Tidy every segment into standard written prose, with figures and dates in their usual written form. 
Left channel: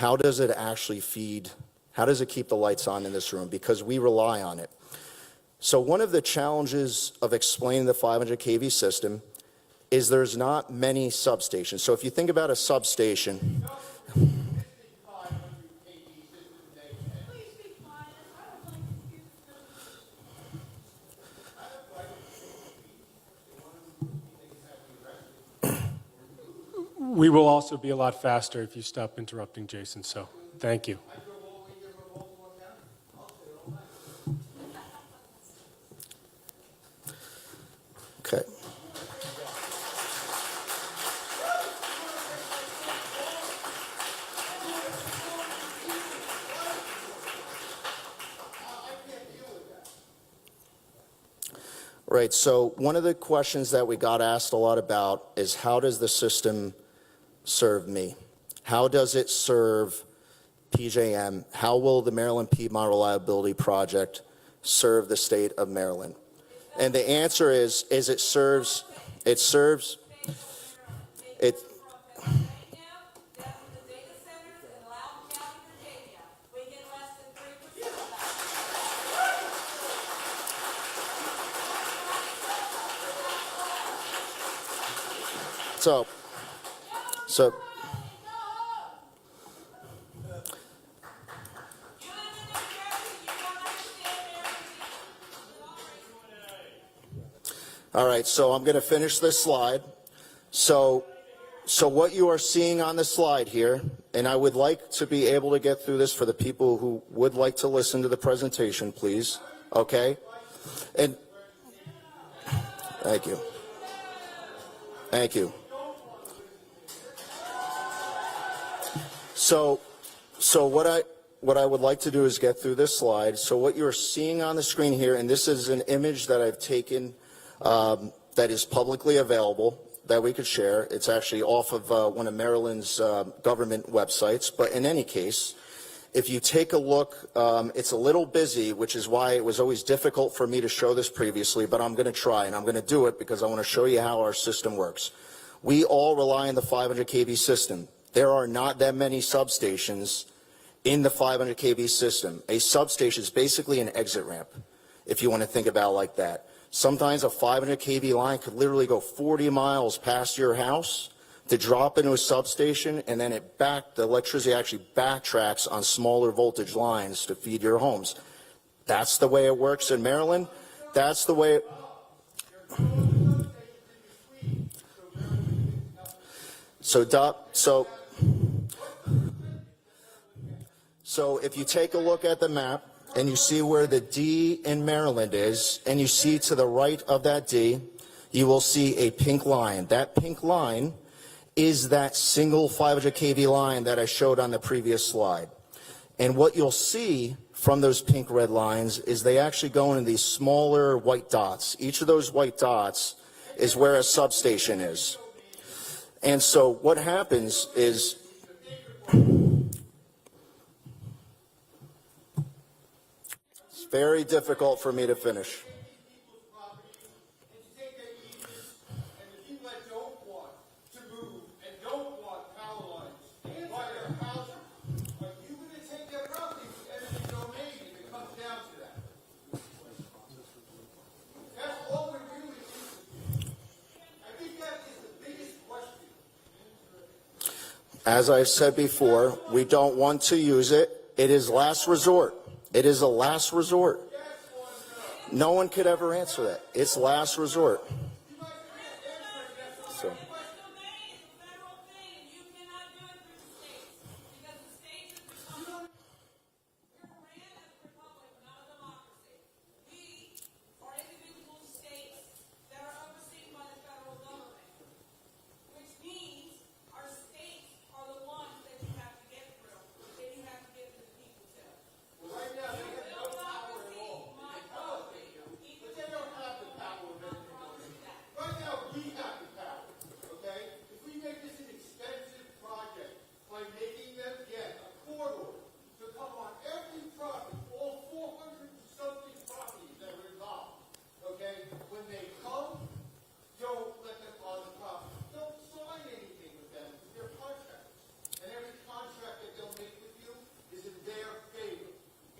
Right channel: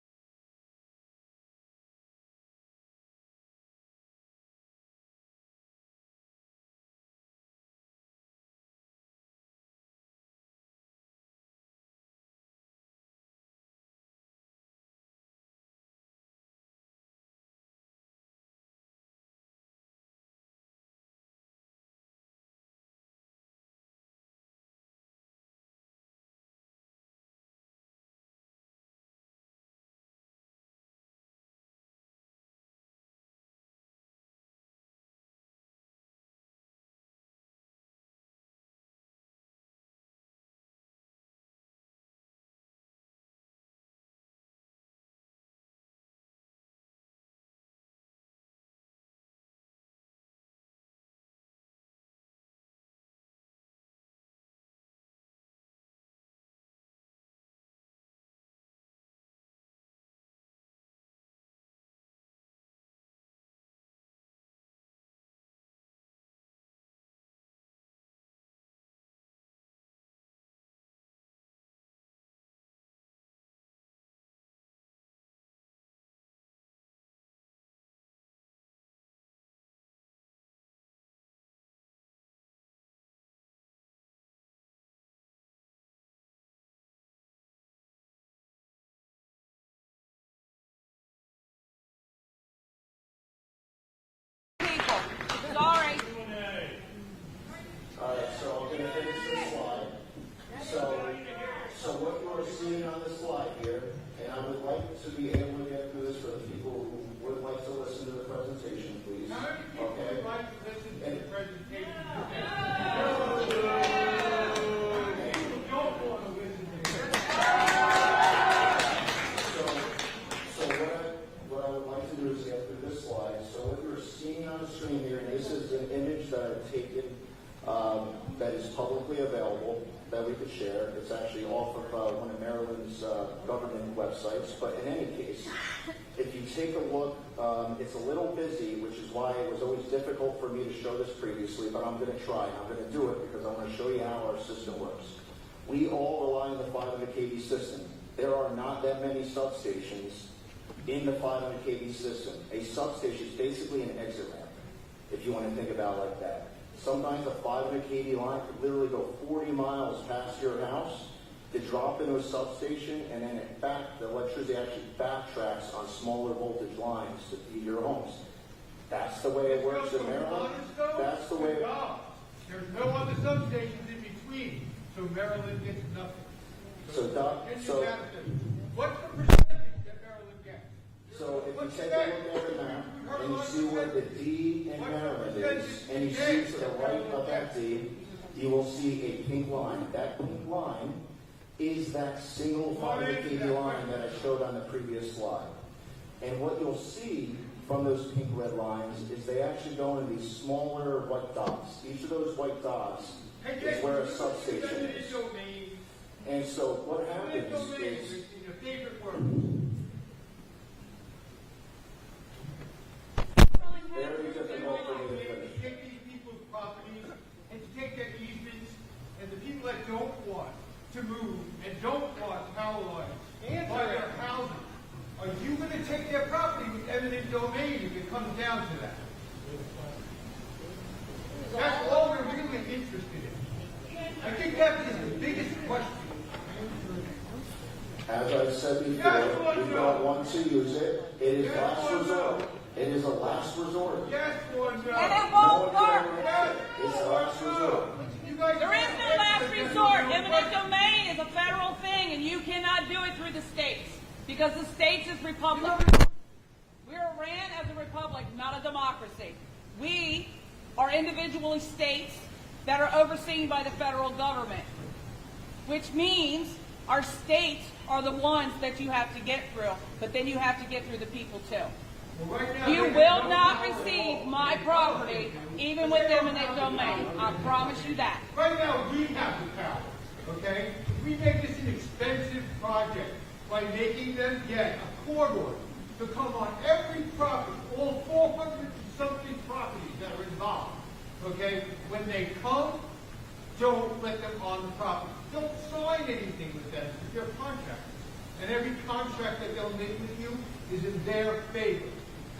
how does it actually feed, how does it keep the lights on in this room? Because we rely on it. So one of the challenges of explaining the 500 kV system is there's not many substations. So if you think about a substation, we will also be a lot faster if you stop interrupting Jason, so thank you. okay. Right, so one of the questions that we got asked a lot about is how does the system serve me? How does it serve PJM? How will the Maryland Piedmont Reliability Project serve the state of Maryland? And the answer is it serves, it, so, all right, so I'm going to finish this slide. So what you are seeing on the slide here, and I would like to be able to get through this for the people who would like to listen to the presentation, please. Okay? And thank you. Thank you. So what I would like to do is get through this slide. So what you're seeing on the screen here, and this is an image that I've taken that is publicly available that we could share. It's actually off of one of Maryland's government websites. But in any case, if you take a look, it's a little busy, which is why it was always difficult for me to show this previously, but I'm going to try, and I'm going to do it because I want to show you how our system works. We all rely on the 500 kV system. There are not that many substations in the 500 kV system. A substation is basically an exit ramp, if you want to think about it like that. Sometimes a 500 kV line could literally go 40 miles past your house to drop into a substation, and then the electricity actually backtracks on smaller voltage lines to feed your homes. That's the way it works in Maryland. That's the way. There's no other substations in between, so Maryland gets nothing. So if you take a look at the map and you see where the D in Maryland is, and you see to the right of that D, you will see a pink line. That pink line is that single 500 kV line that I showed on the previous slide. And what you'll see from those pink red lines is they actually go into these smaller white dots. Each of those white dots is where a substation is. And so what happens is it's very difficult for me to finish. Don't want power lines by their housing. Are you going to take their property with eminent domain if it comes down to that? That's all we're really interested in. I think that is the biggest question. As I've said before, we don't want to use it. It is last resort. It is a last resort. No one could ever answer it. It's last resort. There is no last resort. Eminent domain is a federal thing, and you cannot do it through the states because the states is republic. We are ran as a republic, not a democracy. We are individually states that are overseen by the federal government, which means our states are the ones that you have to get through, but then you have to get through the people too. You will not receive my property, even with eminent domain. I promise you that. Right now, we have the power, okay? We make this an expensive project by making them get a corridor to come on every property, all 400 something properties that are involved, okay? When they come, don't let them on the property. Don't sign anything with them. They're contractors. and every contract that they'll make with you is in their favor.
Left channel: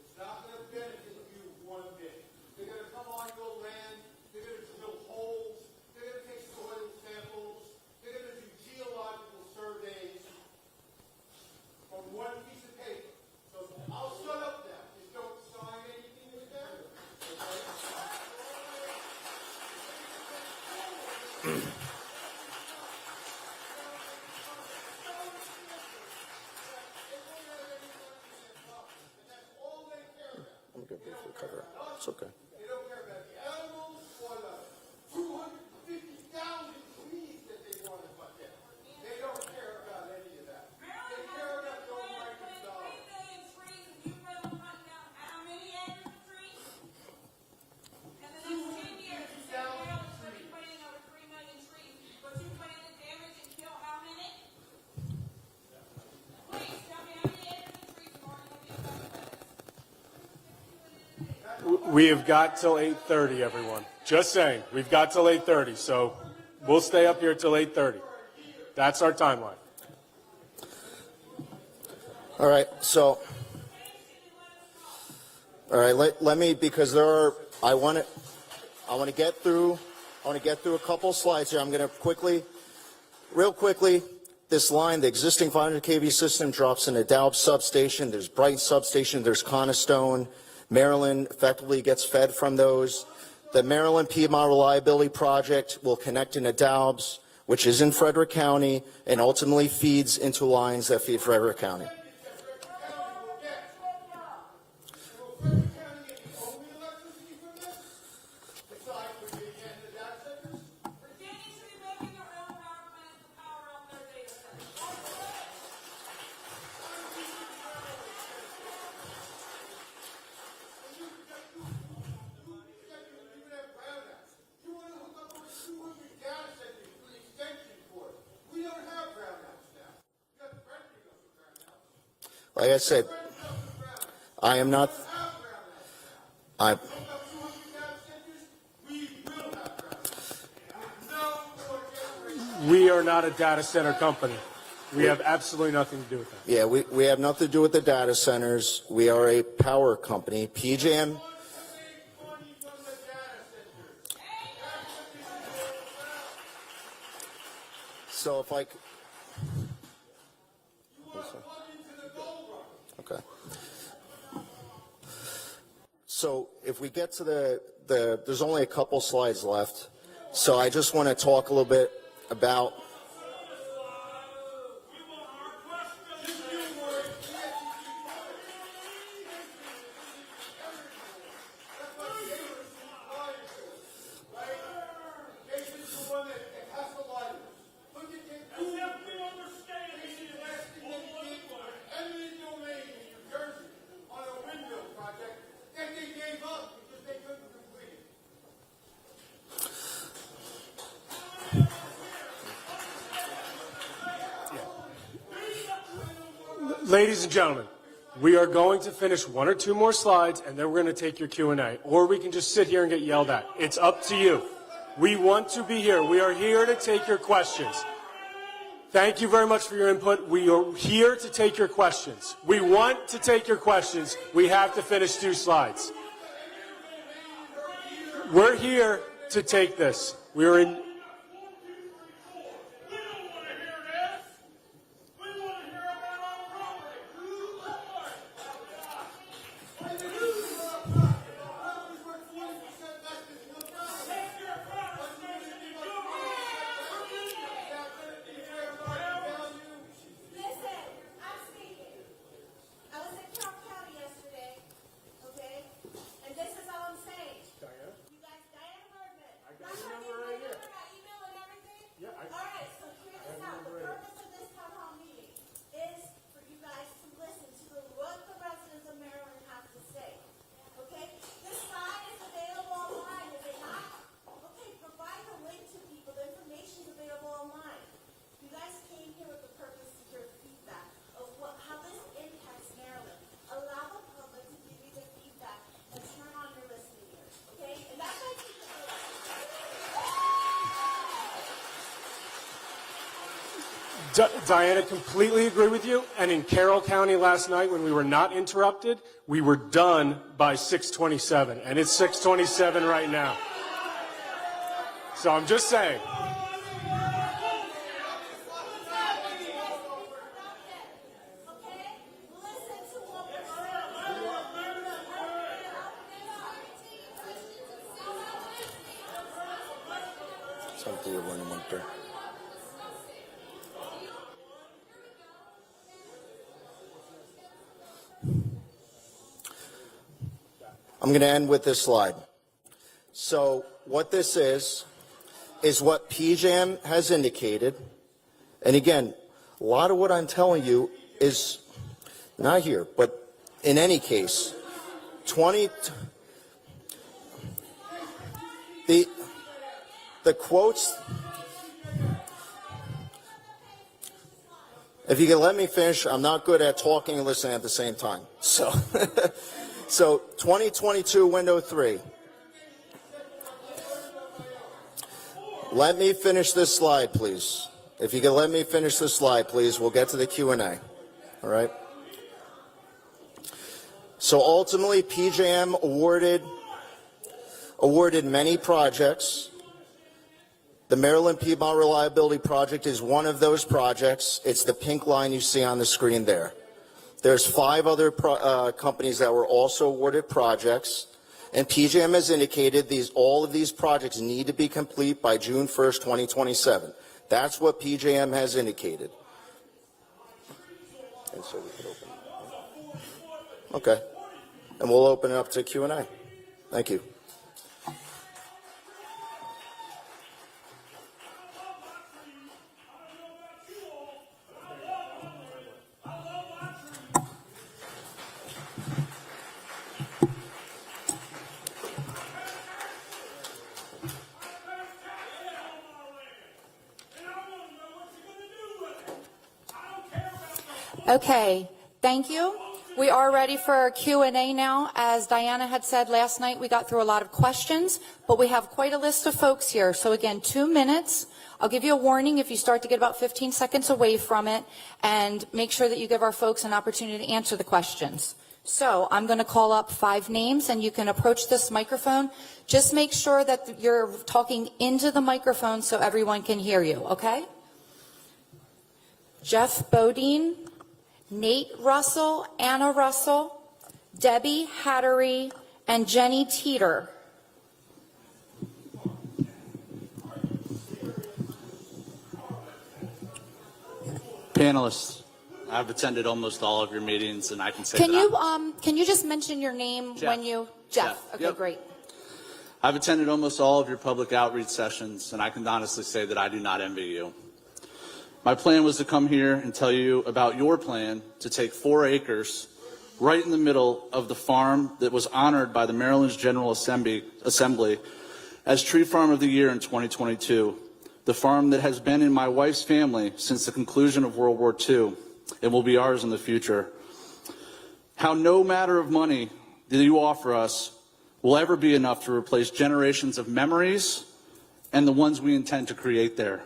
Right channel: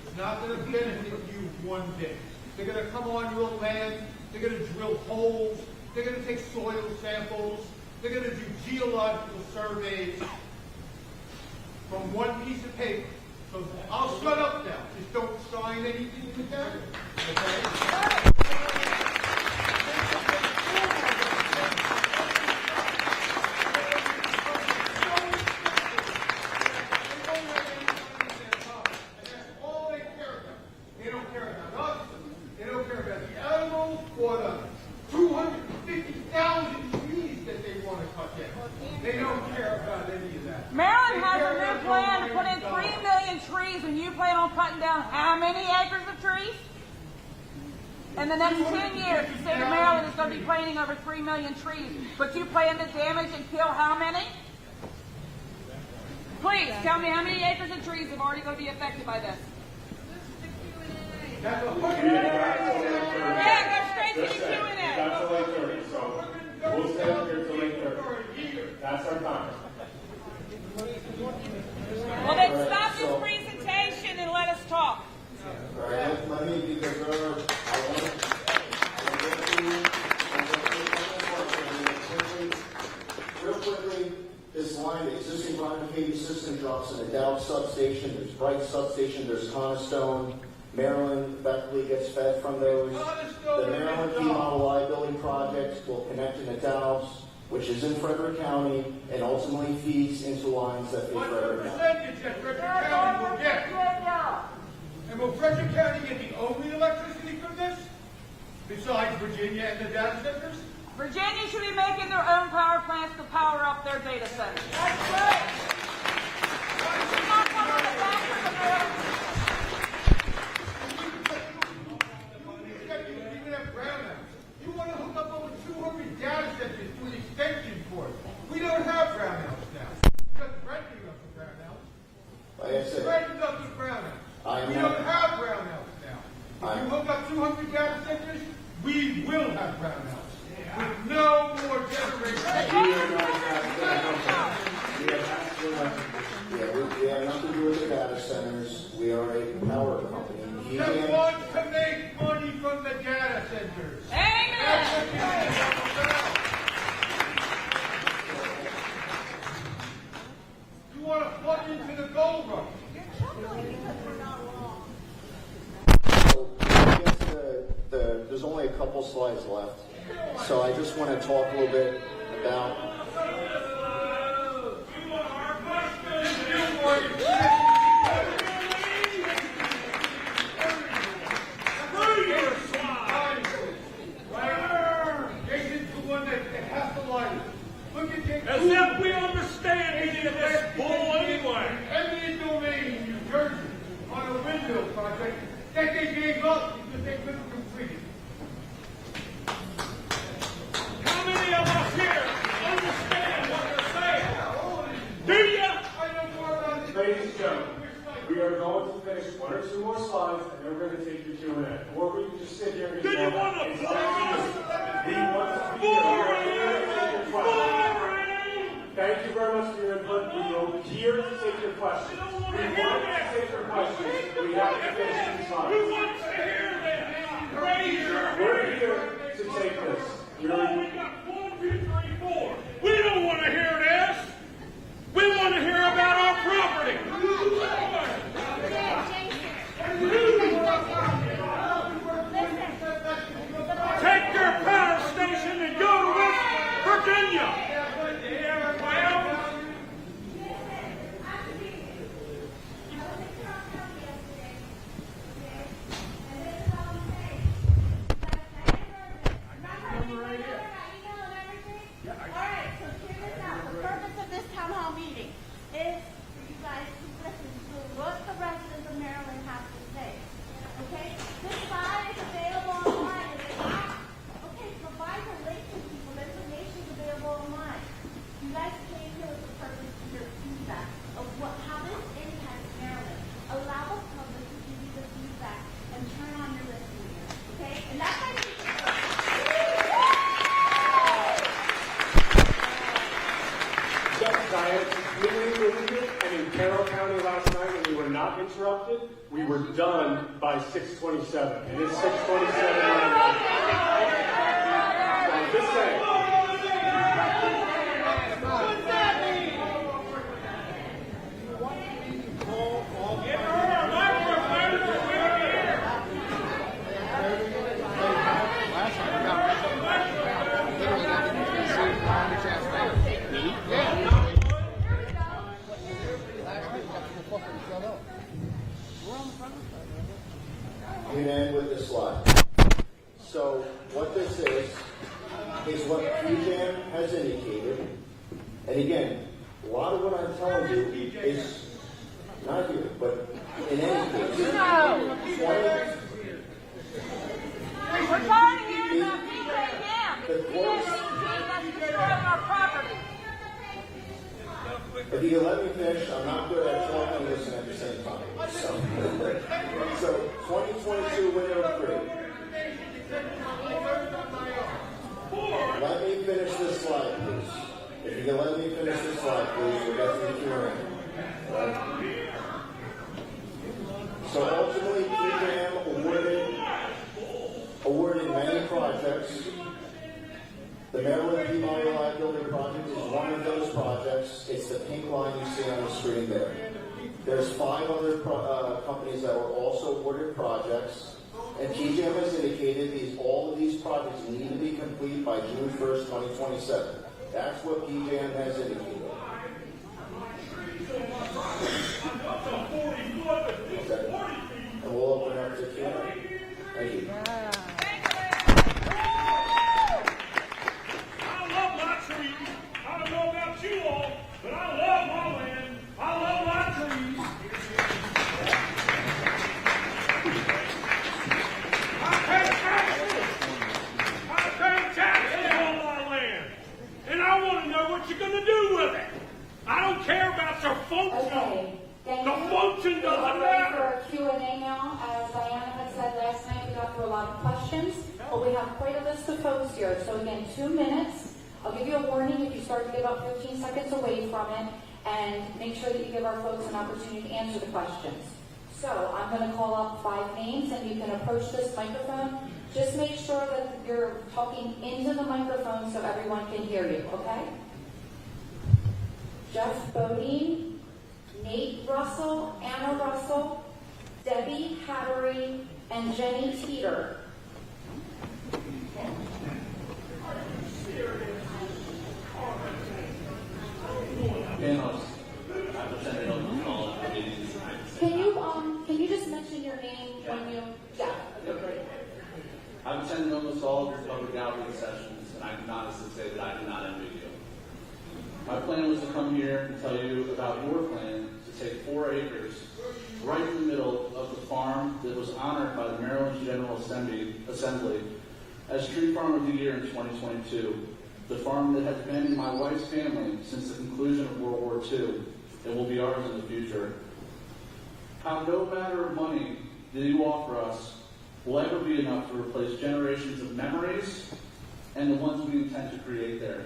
It's not going to benefit you one bit. They're going to come on your land, they're going to drill holes, they're going to take soil samples, they're going to do geological surveys from one piece of paper. So I'll shut up now. Just don't sign anything with them. Okay? Maryland has a new plan to put in 3 million trees, and you plan on cutting down how many acres of trees? In the next 10 years, the state of Maryland is going to be planting over 3 million trees, but you plan to damage and kill how many? Please, tell me how many acres of trees are already going to be affected by this? We have got till 8:30. Just saying, we've got till 8:30, so we'll stay up here till 8:30. That's our timeline. Well, All then right, stop so- the presentation and let us talk. All right, let me, because there are, I want to get through a couple slides here. I'm going to real quickly, this line, the existing 500 kV system drops in a Dow substation. There's Bright substation. There's Cornerstone. Maryland effectively gets fed from those. The Maryland Piedmont Reliability Project will connect into Doubs, which is in Frederick County, and ultimately feeds into lines that feed Frederick County. And will Frederick County get the only electricity from this? Besides Virginia and the data centers? Virginia should be making their own power plants to power up their data centers. That's right. You want to hook up over 200 data centers to an extension cord. We don't have brownouts now. Just renting us a brownout. Like I said, Renting us a brownout. I am We not. don't have brownouts now. I'm- If you hook up 200 data centers, we will have brownouts. With no more generation. We are not a data center company. We have absolutely nothing to do with it. Yeah, we have nothing to do with the data centers. We are a power company. They PJM. want to make money from the data centers. Amen. So if I, You want to plug into the gold rush. So when we get to there's only a couple slides left. So I just want to talk a little bit about. Jason's the one that has the light. Look at Jason. As if we understand any of this bull anyway. Eminent domain in New Jersey on a windmill project that they gave up because they couldn't complete it. How many of us here understand what they're saying? Do you? Ladies and gentlemen, we are going to finish one or two more slides, and then we're going to take your Q&A. Or we can just sit here and get yelled at. It's up to you. We want to be here. We are here to take your questions. Thank you very much for your input. We are here to take your questions. We want to take your questions. We have to finish 2 slides. We're here to take this. We're in. We got 1, 2, 3, 4. We don't want to hear this. We want to hear about our property. Take your power station and go to West Virginia. Diana, completely agree with you. And in Carroll County last night, when we were not interrupted, we were done by 6:27, and it's 6:27 right now. So I'm just saying. I'm going to end with this slide. So what this is what PJAM has indicated. And again, a lot of what I'm telling you is not here, but in any case, 20... The quotes... If you can let me finish, I'm not good at talking and listening at the same time. So, so 2022 window 3. Let me finish this slide, please. If you can let me finish this slide, please, we'll get to the Q&A. All right? So ultimately, PJAM awarded many projects. The Maryland Piedmont Reliability Project is one of those projects. It's the pink line you see on the screen there. There's 5 other companies that were also awarded projects, and PJAM has indicated all of these projects need to be complete by June 1st, 2027. That's what PJAM has indicated. Okay, and we'll open it up to Q&A. Thank you. Okay, thank you. We are ready for Q&A now. As Diana had said last night, we got through a lot of questions, but we have quite a list of folks here. So again, 2 minutes. I'll give you a warning if you start to get about 15 seconds away from it, and make sure that you give our folks an opportunity to answer the questions. So I'm going to call up 5 names, and you can approach this microphone. Just make sure that you're talking into the microphone so everyone can hear you, okay? Jeff Bodine, Nate Russell, Anna Russell, Debbie Hattery, and Jenny Teeter. Panelists, I've attended almost all of your meetings, and I can say can you just mention your name Jeff. when you Jeff? Okay, Yep. great. I've attended almost all of your public outreach sessions, and I can honestly say that I do not envy you. My plan was to come here and tell you about your plan to take 4 acres right in the middle of the farm that was honored by the Maryland's General Assembly as Tree Farm of the Year in 2022, the farm that has been in my wife's family since the conclusion of World War II and will be ours in the future. How no matter of money that you offer us will ever be enough to replace generations of memories and the ones we intend to create there.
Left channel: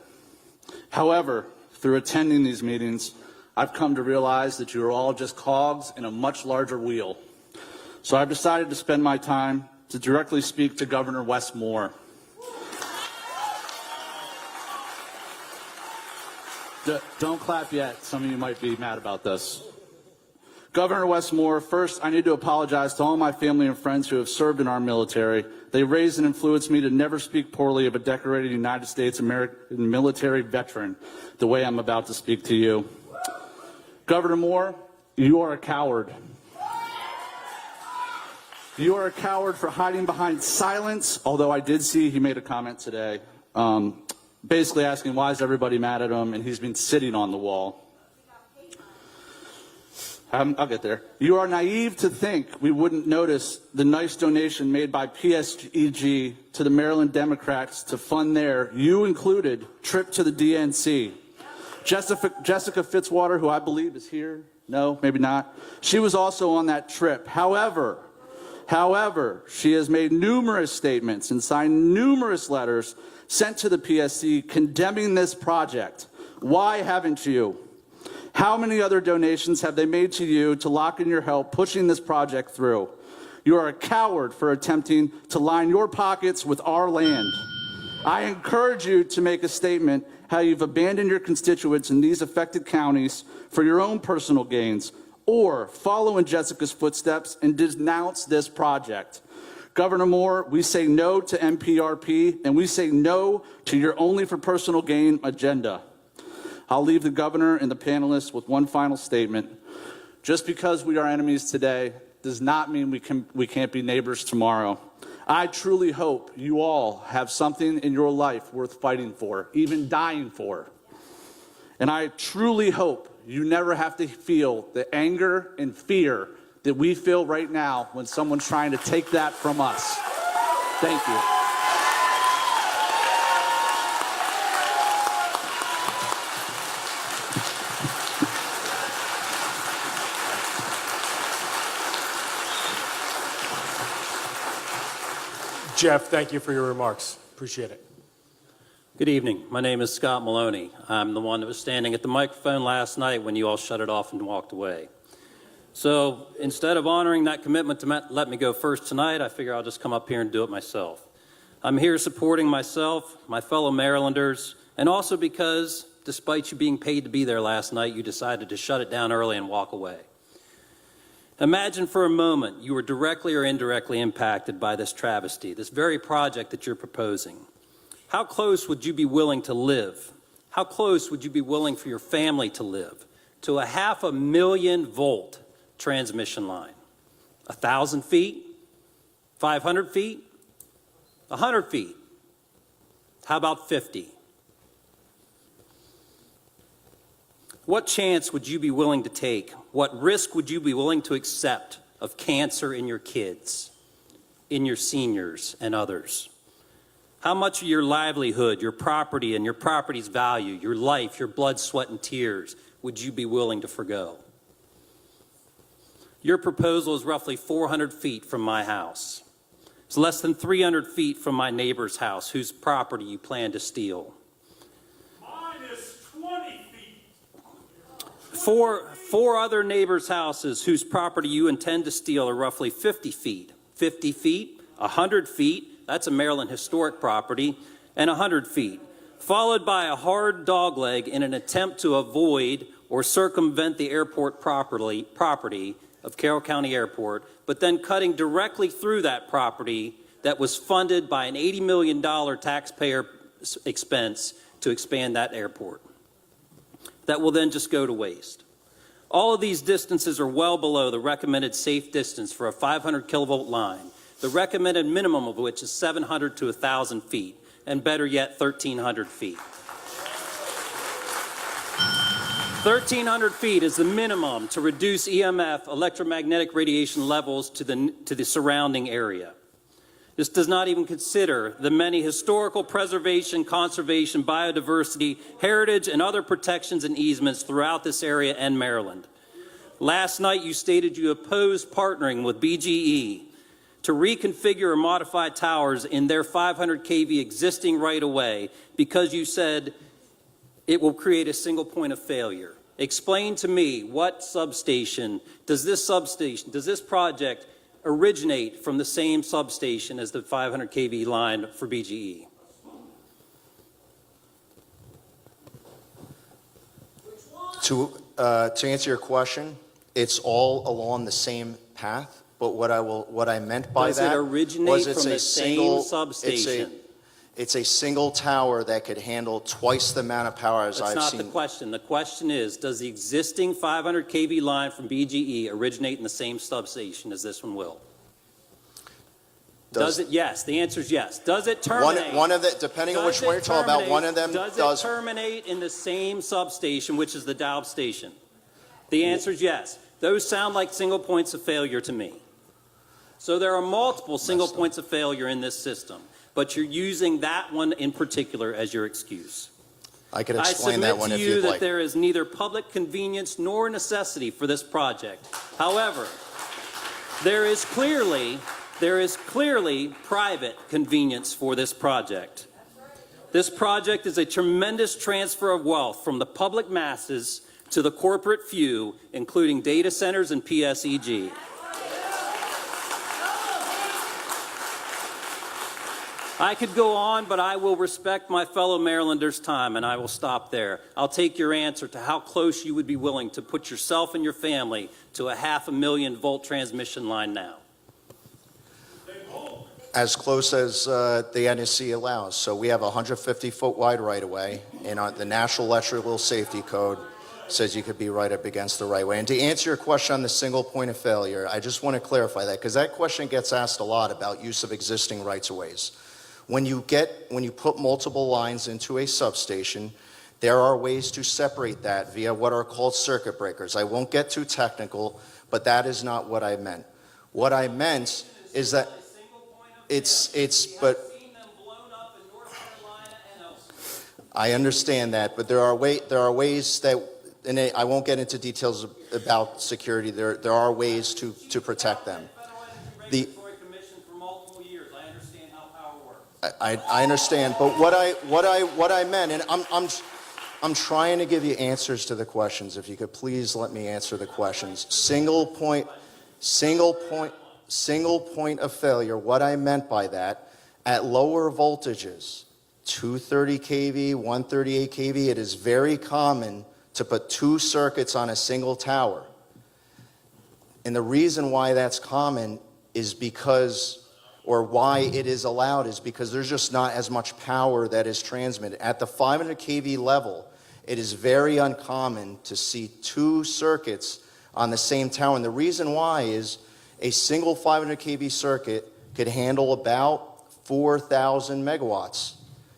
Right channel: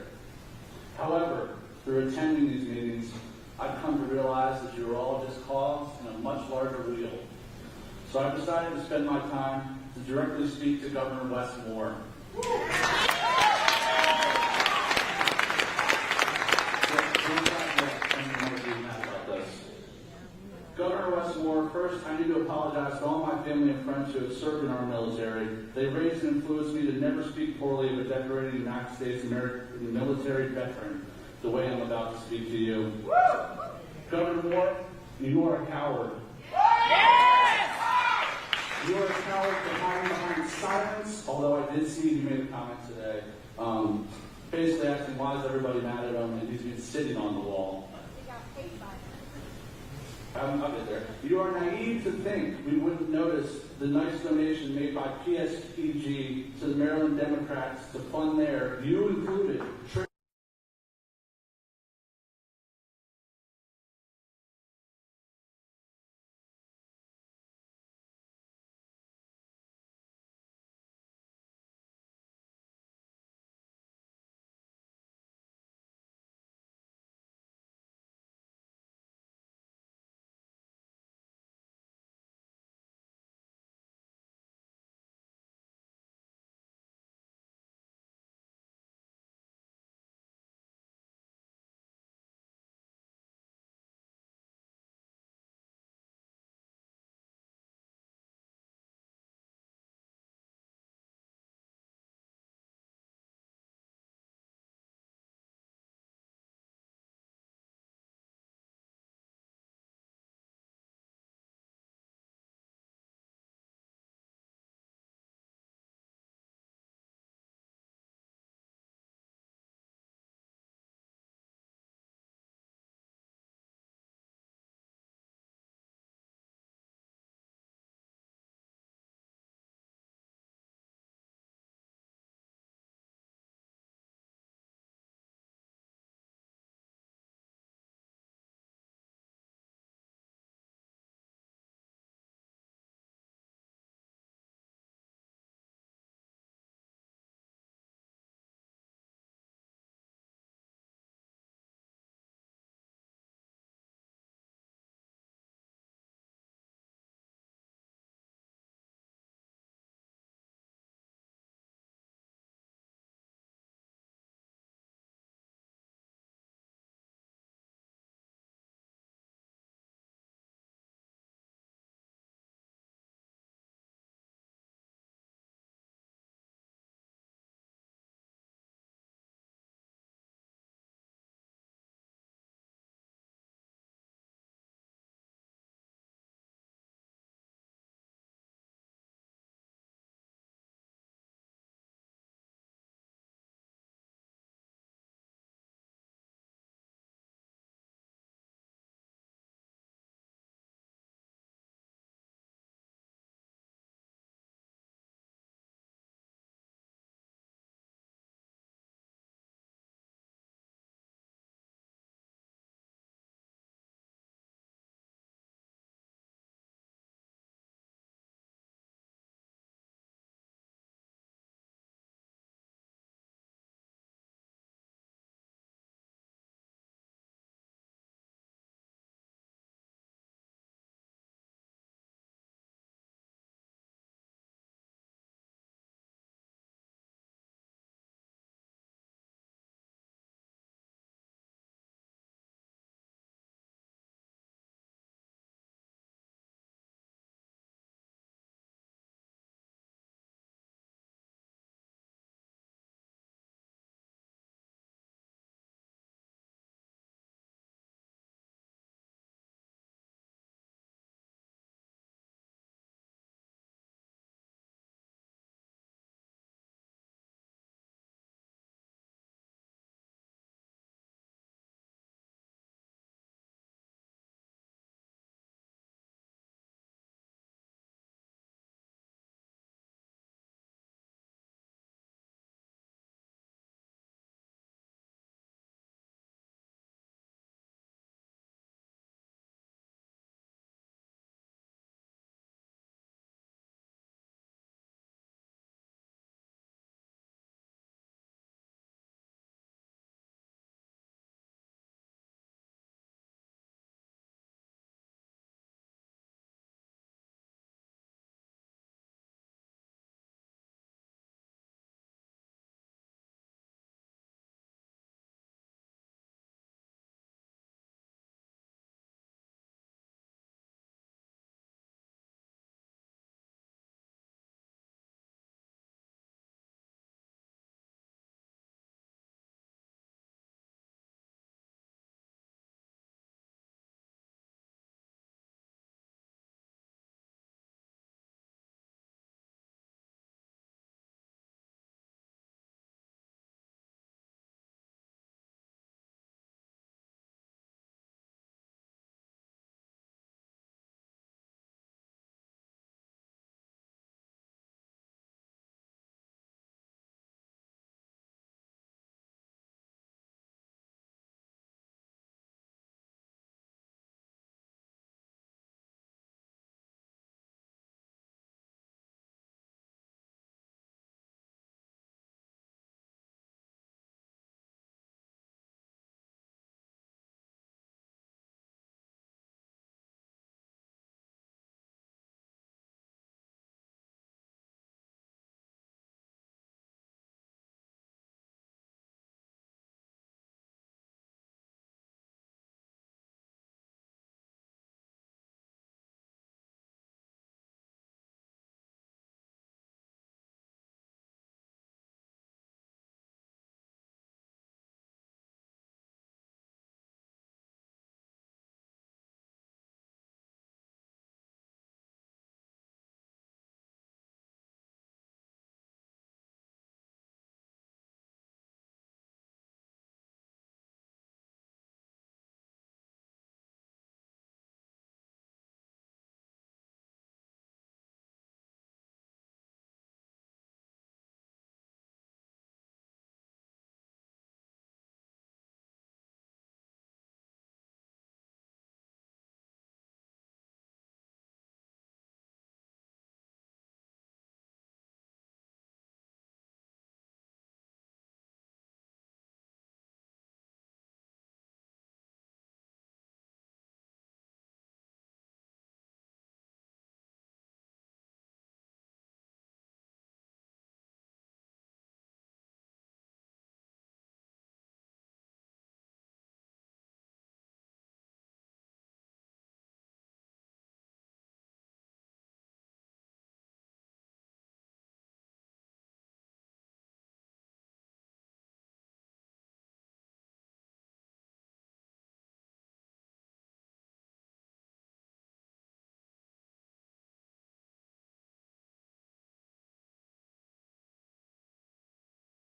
However, through attending these meetings, I've come to realize that you are all just cogs in a much larger wheel. So I've decided to spend my time to directly speak to Governor Wes Moore. Don't clap yet. Some of you might be mad about this. Governor Wes Moore, first, I need to apologize to all my family and friends who have served in our military. They raised and influenced me to never speak poorly of a decorated United States American military veteran the way I'm about to speak to you. Governor Moore, you are a coward. You are a coward for hiding behind silence, although I did see he made a comment today, basically asking why is everybody mad at him, and he's been sitting on the wall. I'll get there. You are naive to think we wouldn't notice the nice donation made by PSEG to the Maryland Democrats to fund their, you included, trip to the DNC. Jessica Fitzwater, who I believe is here, no, maybe not, she was also on that trip. However, she has made numerous statements and signed numerous letters sent to the PSC condemning this project. Why haven't you? How many other donations have they made to you to lock in your help pushing this project through? You are a coward for attempting to line your pockets with our land. I encourage you to make a statement how you've abandoned your constituents in these affected counties for your own personal gains, or follow in Jessica's footsteps and denounce this project. Governor Moore, we say no to MPRP, and we say no to your only for personal gain agenda. I'll leave the governor and the panelists with one final statement. Just because we are enemies today does not mean we can't be neighbors tomorrow. I truly hope you all have something in your life worth fighting for, even dying for. And I truly hope you never have to feel the anger and fear that we feel right now when someone's trying to take that from us. Thank you. Jeff, thank you for your remarks. Appreciate it. Good evening. My name is Scott Maloney. I'm the one that was standing at the microphone last night when you all shut it off and walked away. So instead of honoring that commitment to let me go first tonight, I figure I'll just come up here and do it myself. I'm here supporting myself, my fellow Marylanders, and also because, despite you being paid to be there last night, you decided to shut it down early and walk away. Imagine for a moment you were directly or indirectly impacted by this travesty, this very project that you're proposing. How close would you be willing to live? How close would you be willing for your family to live to a 500,000 volt transmission line? 1,000 feet? 500 feet? 100 feet? How about 50? What chance would you be willing to take? What risk would you be willing to accept of cancer in your kids, in your seniors and others? How much of your livelihood, your property and your property's value, your life, your blood, sweat, and tears would you be willing to forgo? Your proposal is roughly 400 feet from my house. It's less than 300 feet from my neighbor's house, whose property you plan to steal. Mine is 20 feet. Four other neighbors' houses whose property you intend to steal are roughly 50 feet. 50 feet, 100 feet, that's a Maryland historic property, and 100 feet, followed by a hard dogleg in an attempt to avoid or circumvent the airport property of Carroll County Airport, but then cutting directly through that property that was funded by an $80 million taxpayer expense to expand that airport. That will then just go to waste. All of these distances are well below the recommended safe distance for a 500 kilovolt line, the recommended minimum of which is 700 to 1,000 feet, and better yet, 1,300 feet. 1,300 feet is the minimum to reduce EMF, electromagnetic radiation levels to the surrounding area. This does not even consider the many historical preservation, conservation, biodiversity, heritage, and other protections and easements throughout this area and Maryland. Last night, you stated you opposed partnering with BGE to reconfigure or modify towers in their 500 kV existing right-of-way because you said it will create a single point of failure. Explain to me what substation does this project originate from the same substation as the 500 kV line for BGE? To answer your question, it's all along the same path, but what I meant by Does that it originate was it's from a the single same substation? It's a single tower that could handle twice the amount of power as That's I've not seen. the question. The question is, does the existing 500 kV line from BGE originate in the same substation as this one will? Does it? Yes. The answer is yes. Does it terminate? One of the, depending on which one you're talking about, one of them does. does. It terminate in the same substation, which is the Daub station? The answer is yes. Those sound like single points of failure to me. So there are multiple single points of failure in this system, but you're using that one in particular as your excuse. I could explain that one if you'd I submit to you like. that there is neither public convenience nor necessity for this project. However, there is clearly private convenience for this project. This project is a tremendous transfer of wealth from the public masses to the corporate few, including data centers and PSEG. I could go on, but I will respect my fellow Marylanders' time, and I will stop there. I'll take your answer to how close you would be willing to put yourself and your family to a 500,000 volt transmission line now. As close as the NSC allows. So we have a 150-foot wide right-of-way, and the National Electrical Safety Code says you could be right up against the right-of-way. And to answer your question on the single point of failure, I just want to clarify that, because that question gets asked a lot about use of existing rights-of-ways. When you put multiple lines into a substation, there are ways to separate that via what are called circuit breakers. I won't get too technical, but that is not what I meant. What I meant is that but I understand that, but there are ways that, and I won't get into details about security. There are ways to protect them. I understand, but what I meant, and I'm trying to give you answers to the questions. If you could please let me answer the questions. Single point of failure. What I meant by that, at lower voltages, 230 kV, 138 kV, it is very common to put two circuits on a single tower. And the reason why that's common is because, or why it is allowed, is because there's just not as much power that is transmitted. At the 500 kV level, it is very uncommon to see two circuits on the same tower. And the reason why is a single 500 kV circuit could handle about 4,000 megawatts.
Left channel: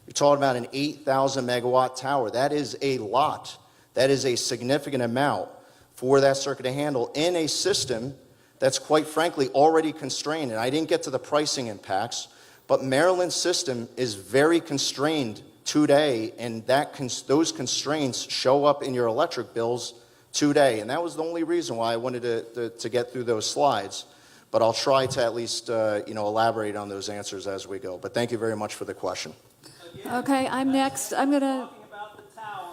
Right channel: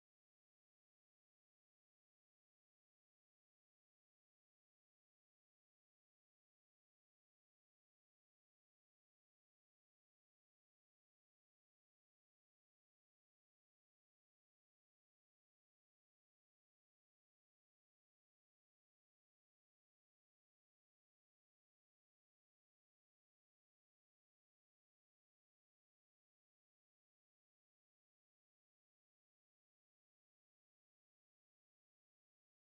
You're talking about an 8,000 megawatt tower. That is a lot. That is a significant amount for that circuit to handle in a system that's quite frankly already constrained. And I didn't get to the pricing impacts, but Maryland's system is very constrained today, and those constraints show up in your electric bills today. And that was the only reason why I wanted to get through those slides. But I'll try to at least elaborate on those answers as we go. But thank you very much for the question. Okay, I'm next.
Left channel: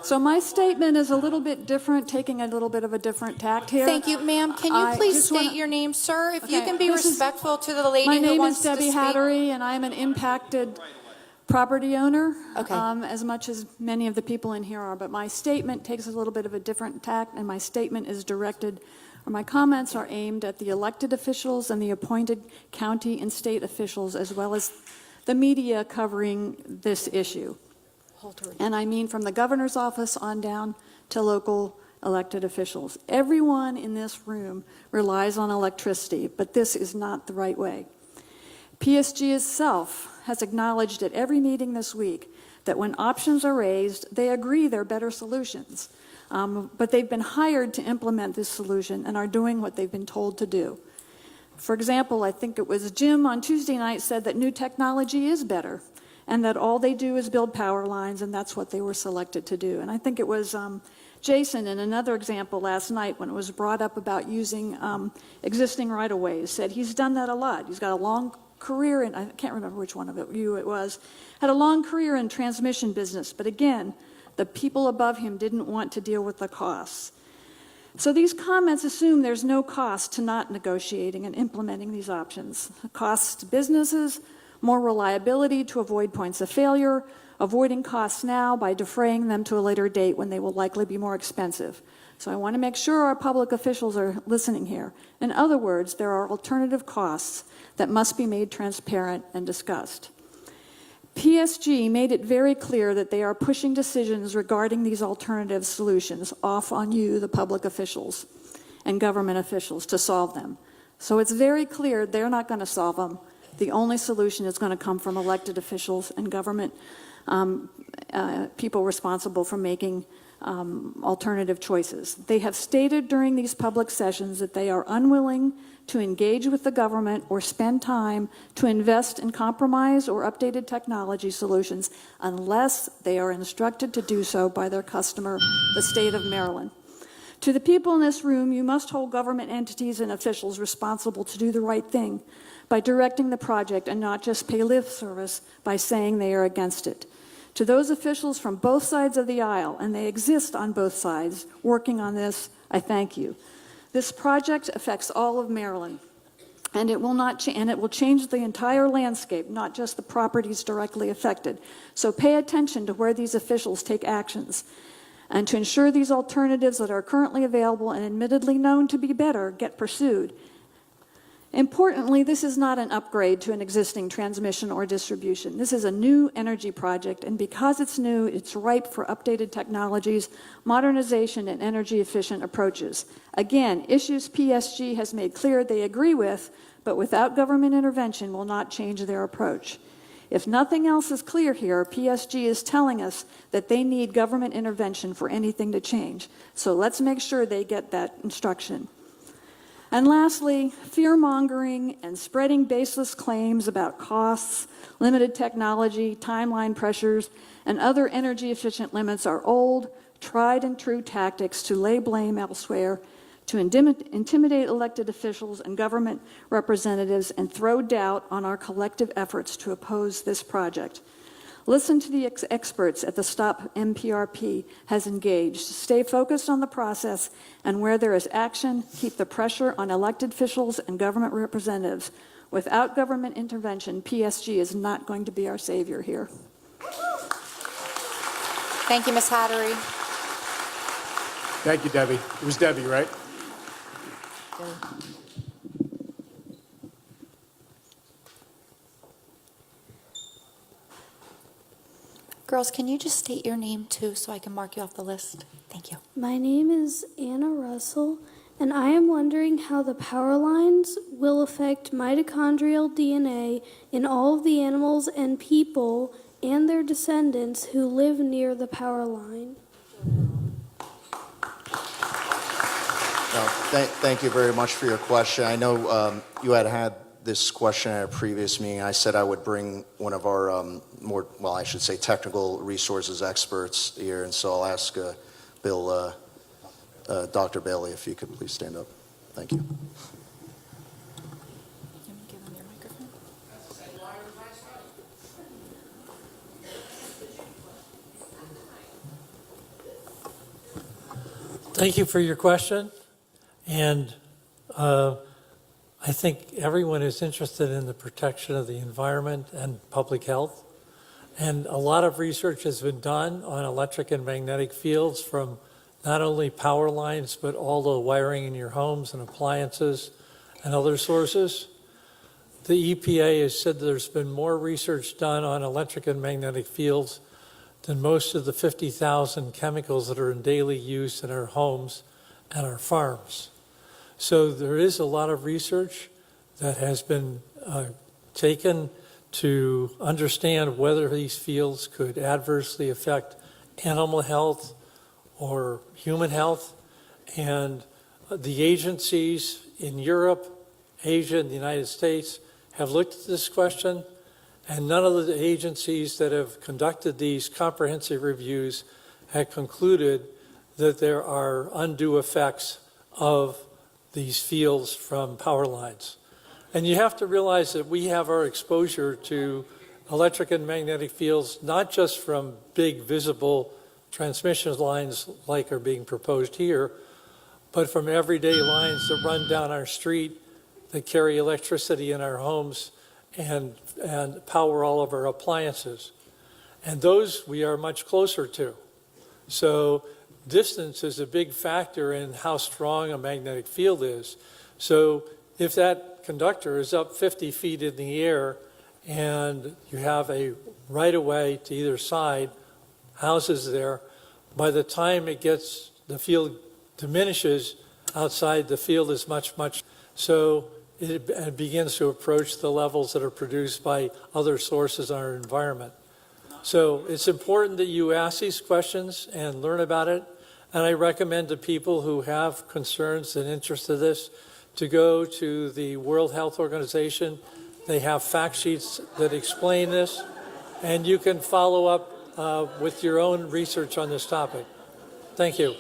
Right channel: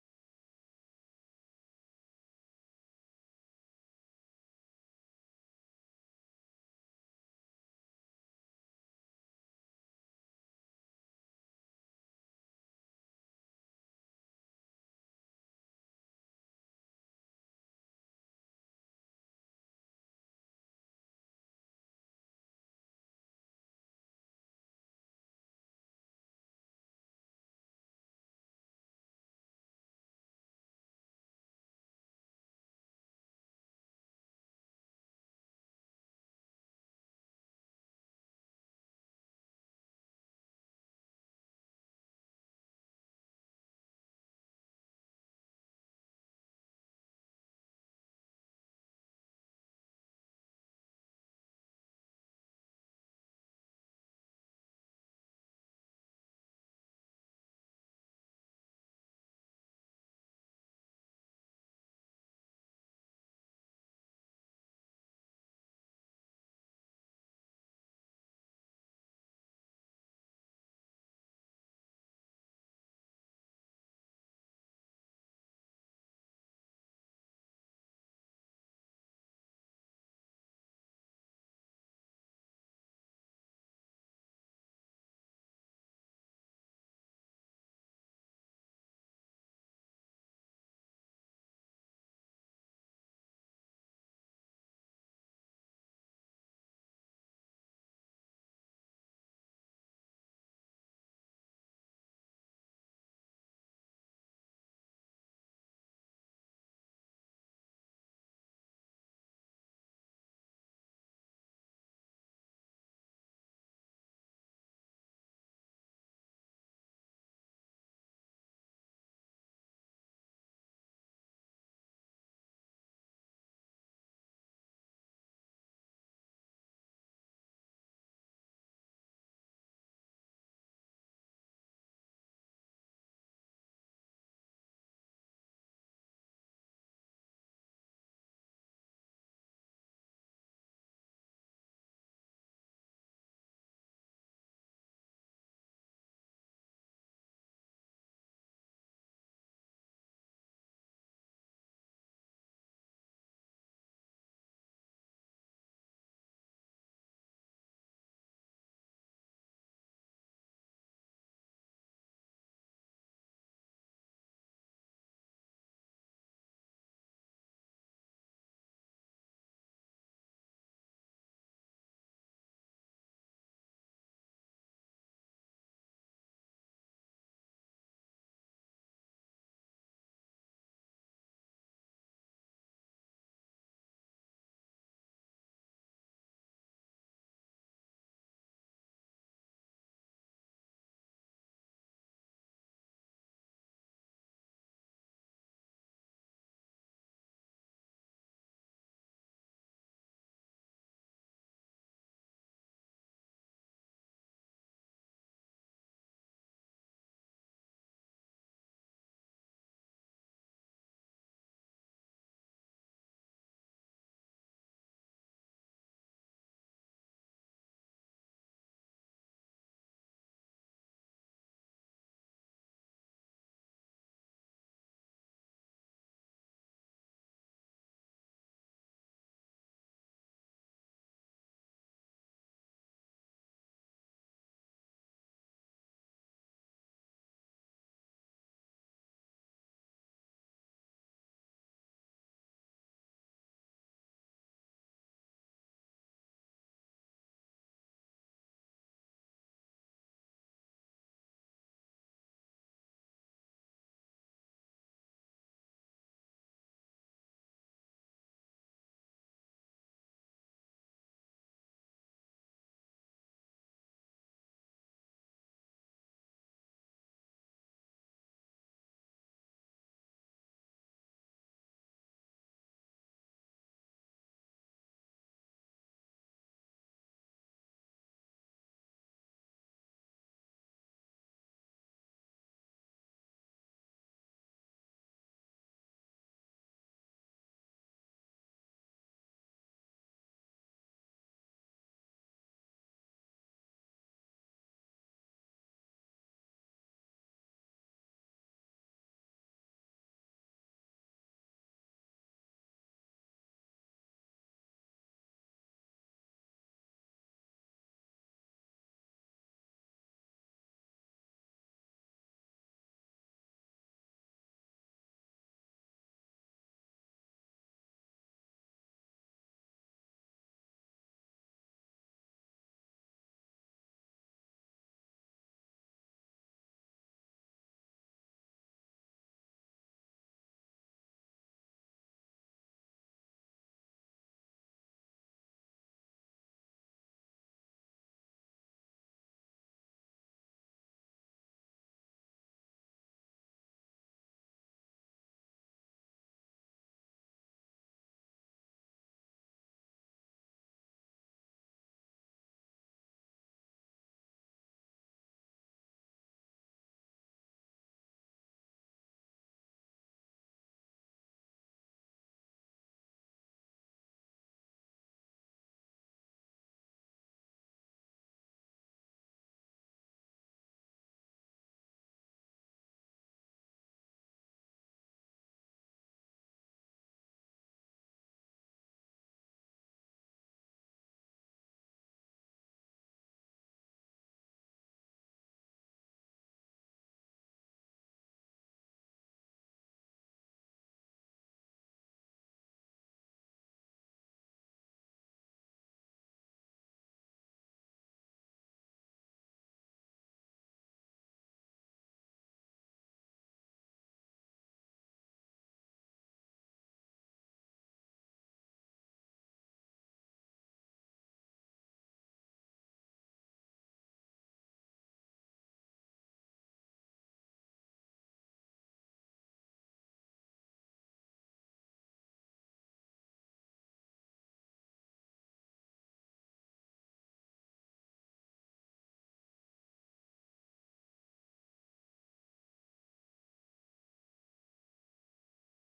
So my statement is a little bit different, taking a little bit of a different tact here. Thank you, ma'am. Can you please state your name, sir? If you can be respectful to the lady who wants to speak. My name is Debbie Hattery, and I'm an impacted property owner, Okay. As much as many of the people in here are. But my statement takes a little bit of a different tact, and my statement is directed, or my comments are aimed at the elected officials and the appointed county and state officials, as well as the media covering this issue. And I mean from the governor's office on down to local elected officials. Everyone in this room relies on electricity, but this is not the right way. PSG itself has acknowledged at every meeting this week that when options are raised, they agree they're better solutions. But they've been hired to implement this solution and are doing what they've been told to do. For example, I think it was Jim on Tuesday night said that new technology is better, and that all they do is build power lines, and that's what they were selected to do. And I think it was Jason in another example last night when it was brought up about using existing right-of-ways, said he's done that a lot. He's got a long career in, I can't remember which one of it was, had a long career in transmission business, but again, the people above him didn't want to deal with the costs. So these comments assume there's no cost to not negotiating and implementing these options. Costs to businesses, more reliability to avoid points of failure, avoiding costs now by defraying them to a later date when they will likely be more expensive. So I want to make sure our public officials are listening here. In other words, there are alternative costs that must be made transparent and discussed. PSG made it very clear that they are pushing decisions regarding these alternative solutions off on you, the public officials and government officials, to solve them. So it's very clear they're not going to solve them. The only solution is going to come from elected officials and government people responsible for making alternative choices. They have stated during these public sessions that they are unwilling to engage with the government or spend time to invest in compromise or updated technology solutions unless they are instructed to do so by their customer, the state of Maryland. To the people in this room, you must hold government entities and officials responsible to do the right thing by directing the project and not just pay lip service by saying they are against it. To those officials from both sides of the aisle, and they exist on both sides, working on this, I thank you. This project affects all of Maryland, and it will change the entire landscape, not just the properties directly affected. So pay attention to where these officials take actions, and to ensure these alternatives that are currently available and admittedly known to be better get pursued. Importantly, this is not an upgrade to an existing transmission or distribution. This is a new energy project, and because it's new, it's ripe for updated technologies, modernization, and energy-efficient approaches. Again, issues PSG has made clear they agree with, but without government intervention will not change their approach. If nothing else is clear here, PSG is telling us that they need government intervention for anything to change. So let's make sure they get that instruction. And lastly, fear-mongering and spreading baseless claims about costs, limited technology, timeline pressures, and other energy-efficient limits are old, tried-and-true tactics to lay blame elsewhere, to intimidate elected officials and government representatives, and throw doubt on our collective efforts to oppose this project. Listen to the experts at the Stop MPRP has engaged. Stay focused on the process, and where there is action, keep the pressure on elected officials and government representatives. Without government intervention, PSG is not going to be our savior here. Thank you, Ms. Hattery. Thank you, Debbie. It was Debbie, right? Girls, can you just state your name too so I can mark you off the list? Thank you. My name is Anna Russell, and I am wondering how the power lines will affect mitochondrial DNA in all of the animals and people and their descendants who live near the power line. Thank you very much for your question. I know you had this question at a previous meeting. I said I would bring one of our I should say technical resources experts here, and so I'll ask Dr. Bailey, if you could please stand up. Thank you. Thank you for your question, and I think everyone is interested in the protection of the environment and public health. And a lot of research has been done on electric and magnetic fields from not only power lines, but all the wiring in your homes and appliances and other sources. The EPA has said there's been more research done on electric and magnetic fields than most of the 50,000 chemicals that are in daily use in our homes and our farms. So there is a lot of research that has been taken to understand whether these fields could adversely affect animal health or human health. And the agencies in Europe, Asia, and the United States have looked at this question, and none of the agencies that have conducted these comprehensive reviews have concluded that there are undue effects of these fields from power lines. And you have to realize that we have our exposure to electric and magnetic fields, not just from big visible transmission lines like are being proposed here, but from everyday lines that run down our street that carry electricity in our homes and power all of our appliances. And those we are much closer to. So distance is a big factor in how strong a magnetic field is. So if that conductor is up 50 feet in the air and you have a right-of-way to either side, houses there, by the time the field diminishes outside, the field is much, so it begins to approach the levels that are produced by other sources in our environment. So it's important that you ask these questions and learn about it. And I recommend to people who have concerns and interest in this to go to the World Health Organization. They have fact sheets that explain this, and you can follow up with your own research on this topic. Thank you.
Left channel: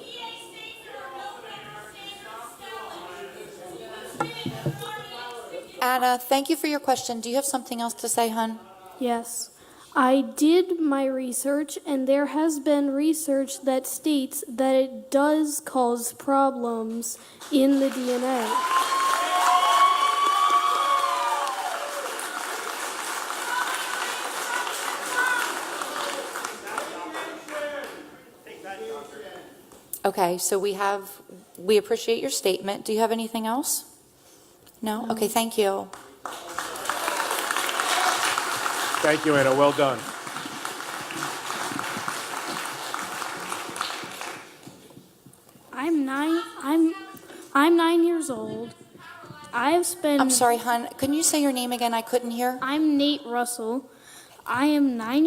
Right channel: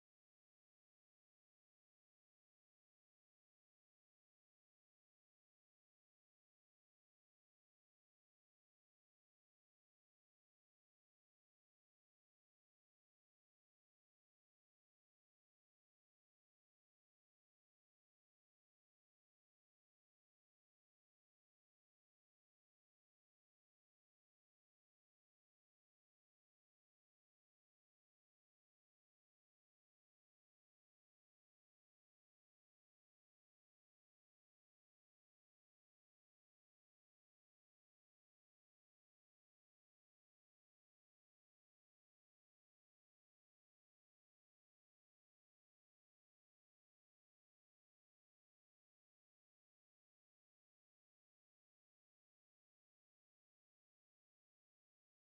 Anna, thank you for your question. Do you have something else to say, hon? Yes. I did my research, and there has been research that states that it does cause problems in the DNA. Okay, so we appreciate your statement. Do you have anything else? No? Okay, thank you. Thank you, Anna. Well done. I'm 9 years old. I've spent. I'm sorry, hon. Can you say your name again? I couldn't hear. I'm Nate Russell. I am 9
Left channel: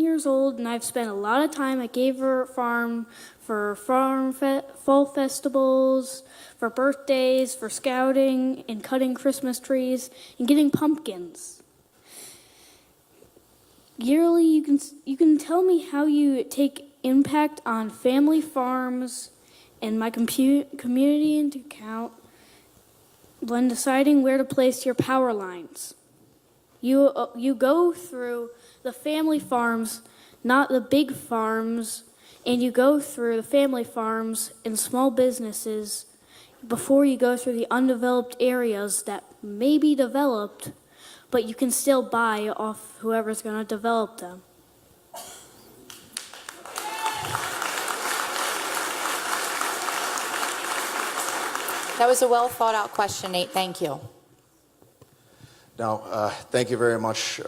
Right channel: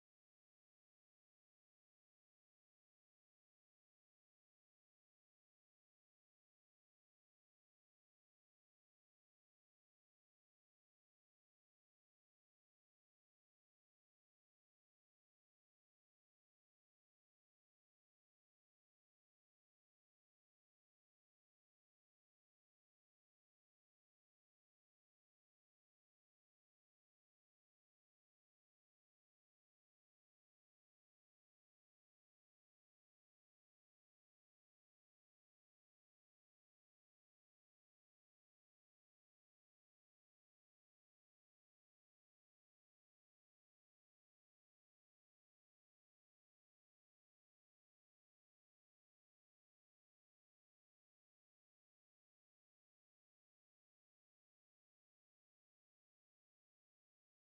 years old, and I've spent a lot of time at Gaver Farm for fall festivals, for birthdays, for scouting, and cutting Christmas trees, and getting pumpkins. Yearly, you can tell me how you take impact on family farms and my community into account when deciding where to place your power lines. You go through the family farms, not the big farms, and you go through the family farms and small businesses before you go through the undeveloped areas that may be developed, but you can still buy off whoever's going to develop them. That was a well thought out question, Nate. Thank you. Now, thank you very much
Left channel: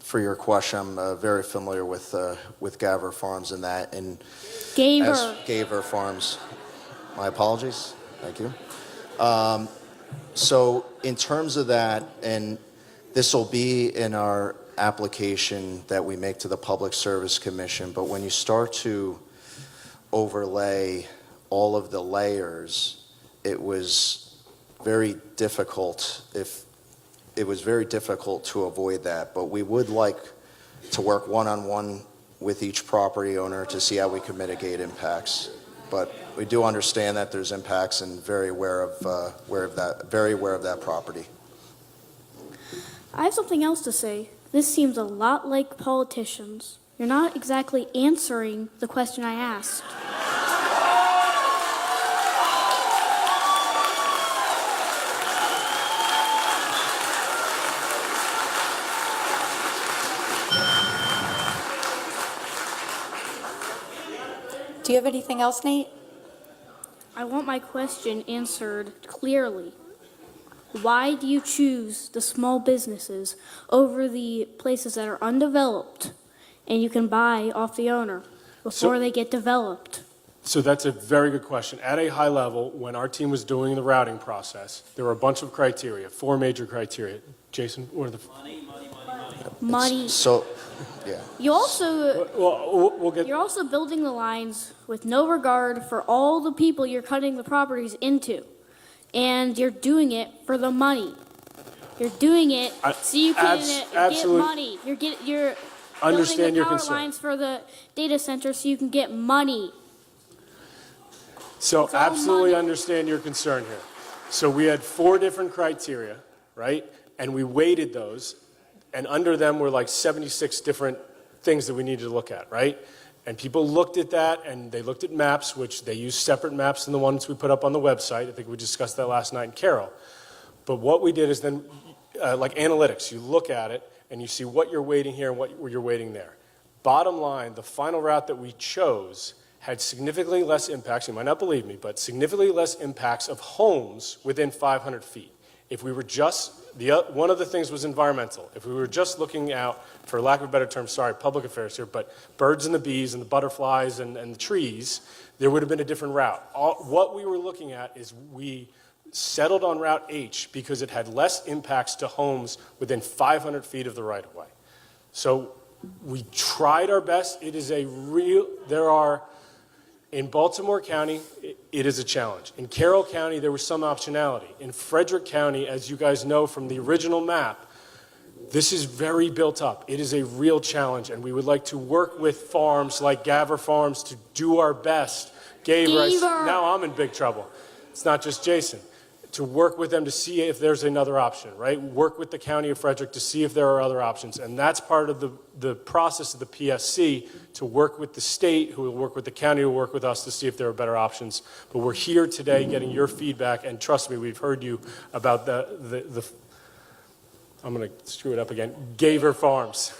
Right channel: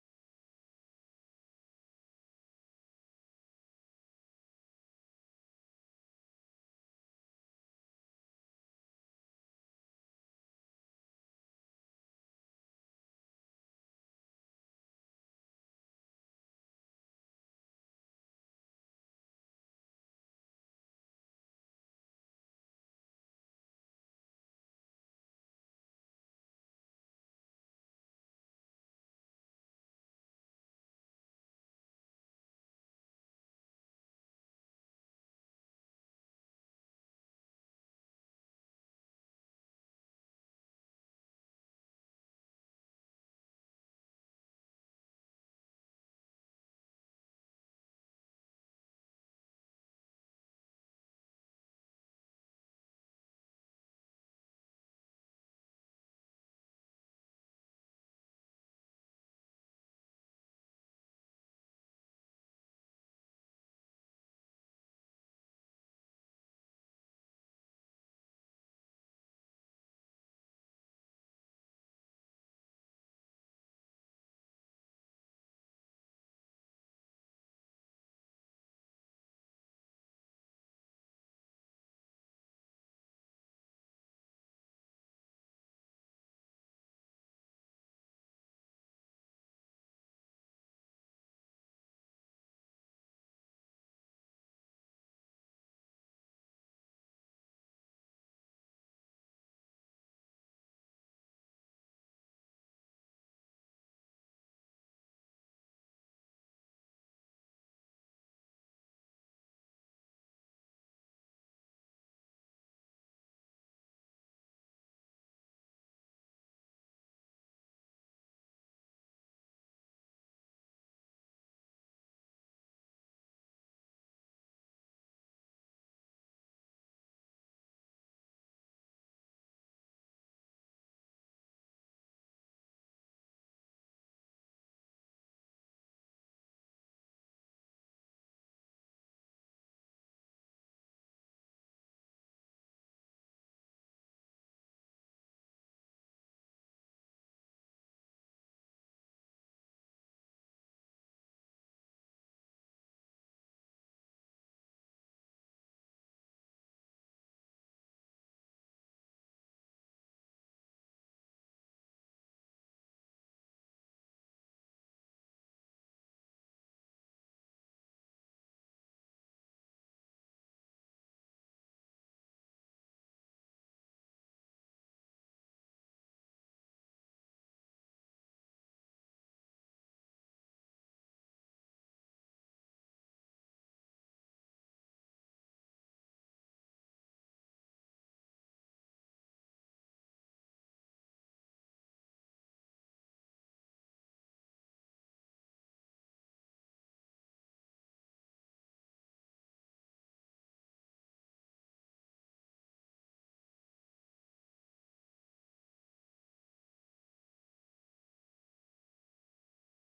for your question. I'm very familiar with Gaver Farms and that. And Gaver Farms. My apologies. Thank you. So in terms of that, and this will be in our application that we make to the Public Service Commission, but when you start to overlay all of the layers, it was very difficult to avoid that. But we would like to work one-on-one with each property owner to see how we can mitigate impacts. But we do understand that there's impacts and very aware of that property. I have something else to say. This seems a lot like politicians. You're not exactly answering the question I asked. Do you have anything else, Nate? I want my question answered clearly. Why do you choose the small businesses over the places that are undeveloped and you can buy off the owner before they get developed? So that's a very good question. At a high level, when our team was doing the routing process, there were a bunch of criteria, 4 major criteria. Jason, what are the... Money. So, yeah. You also, we'll get... you're also building the lines with no regard for all the people you're cutting the properties into. And you're doing it for the money. You're doing it so you can get money. You're building the power lines for the data center so you can get money. So absolutely understand your concern here. So we had 4 different criteria, right? And we weighted those, and under them were like 76 different things that we needed to look at, right? And people looked at that, and they looked at maps, which they use separate maps than the ones we put up on the website. I think we discussed that last night in Carroll. But what we did is then, like analytics, you look at it, and you see what you're weighting here and what you're weighting there. Bottom line, the final route that we chose had significantly less impacts, you might not believe me, but significantly less impacts of homes within 500 feet. If we were just, one of the things was environmental. If we were just looking out, for lack of a better term, sorry, public affairs here, but birds and the bees and the butterflies and the trees, there would have been a different route. What we were looking at is we settled on Route H because it had less impacts to homes within 500 feet of the right-of-way. So we tried our best. It is in Baltimore County, it is a challenge. In Carroll County, there was some optionality. In Frederick County, as you guys know from the original map, this is very built up. It is a real challenge, and we would like to work with farms like Gaver Farms to do our best. Gaver. Now I'm in big trouble. It's not just Jason. to work with them to see if there's another option, right? Work with the County of Frederick to see if there are other options. And that's part of the process of the PSC, to work with the state, who will work with the county, who will work with us to see if there are better options. But we're here today getting your feedback, and trust me, we've heard you about the I'm going to screw it up again, Gaver Farms.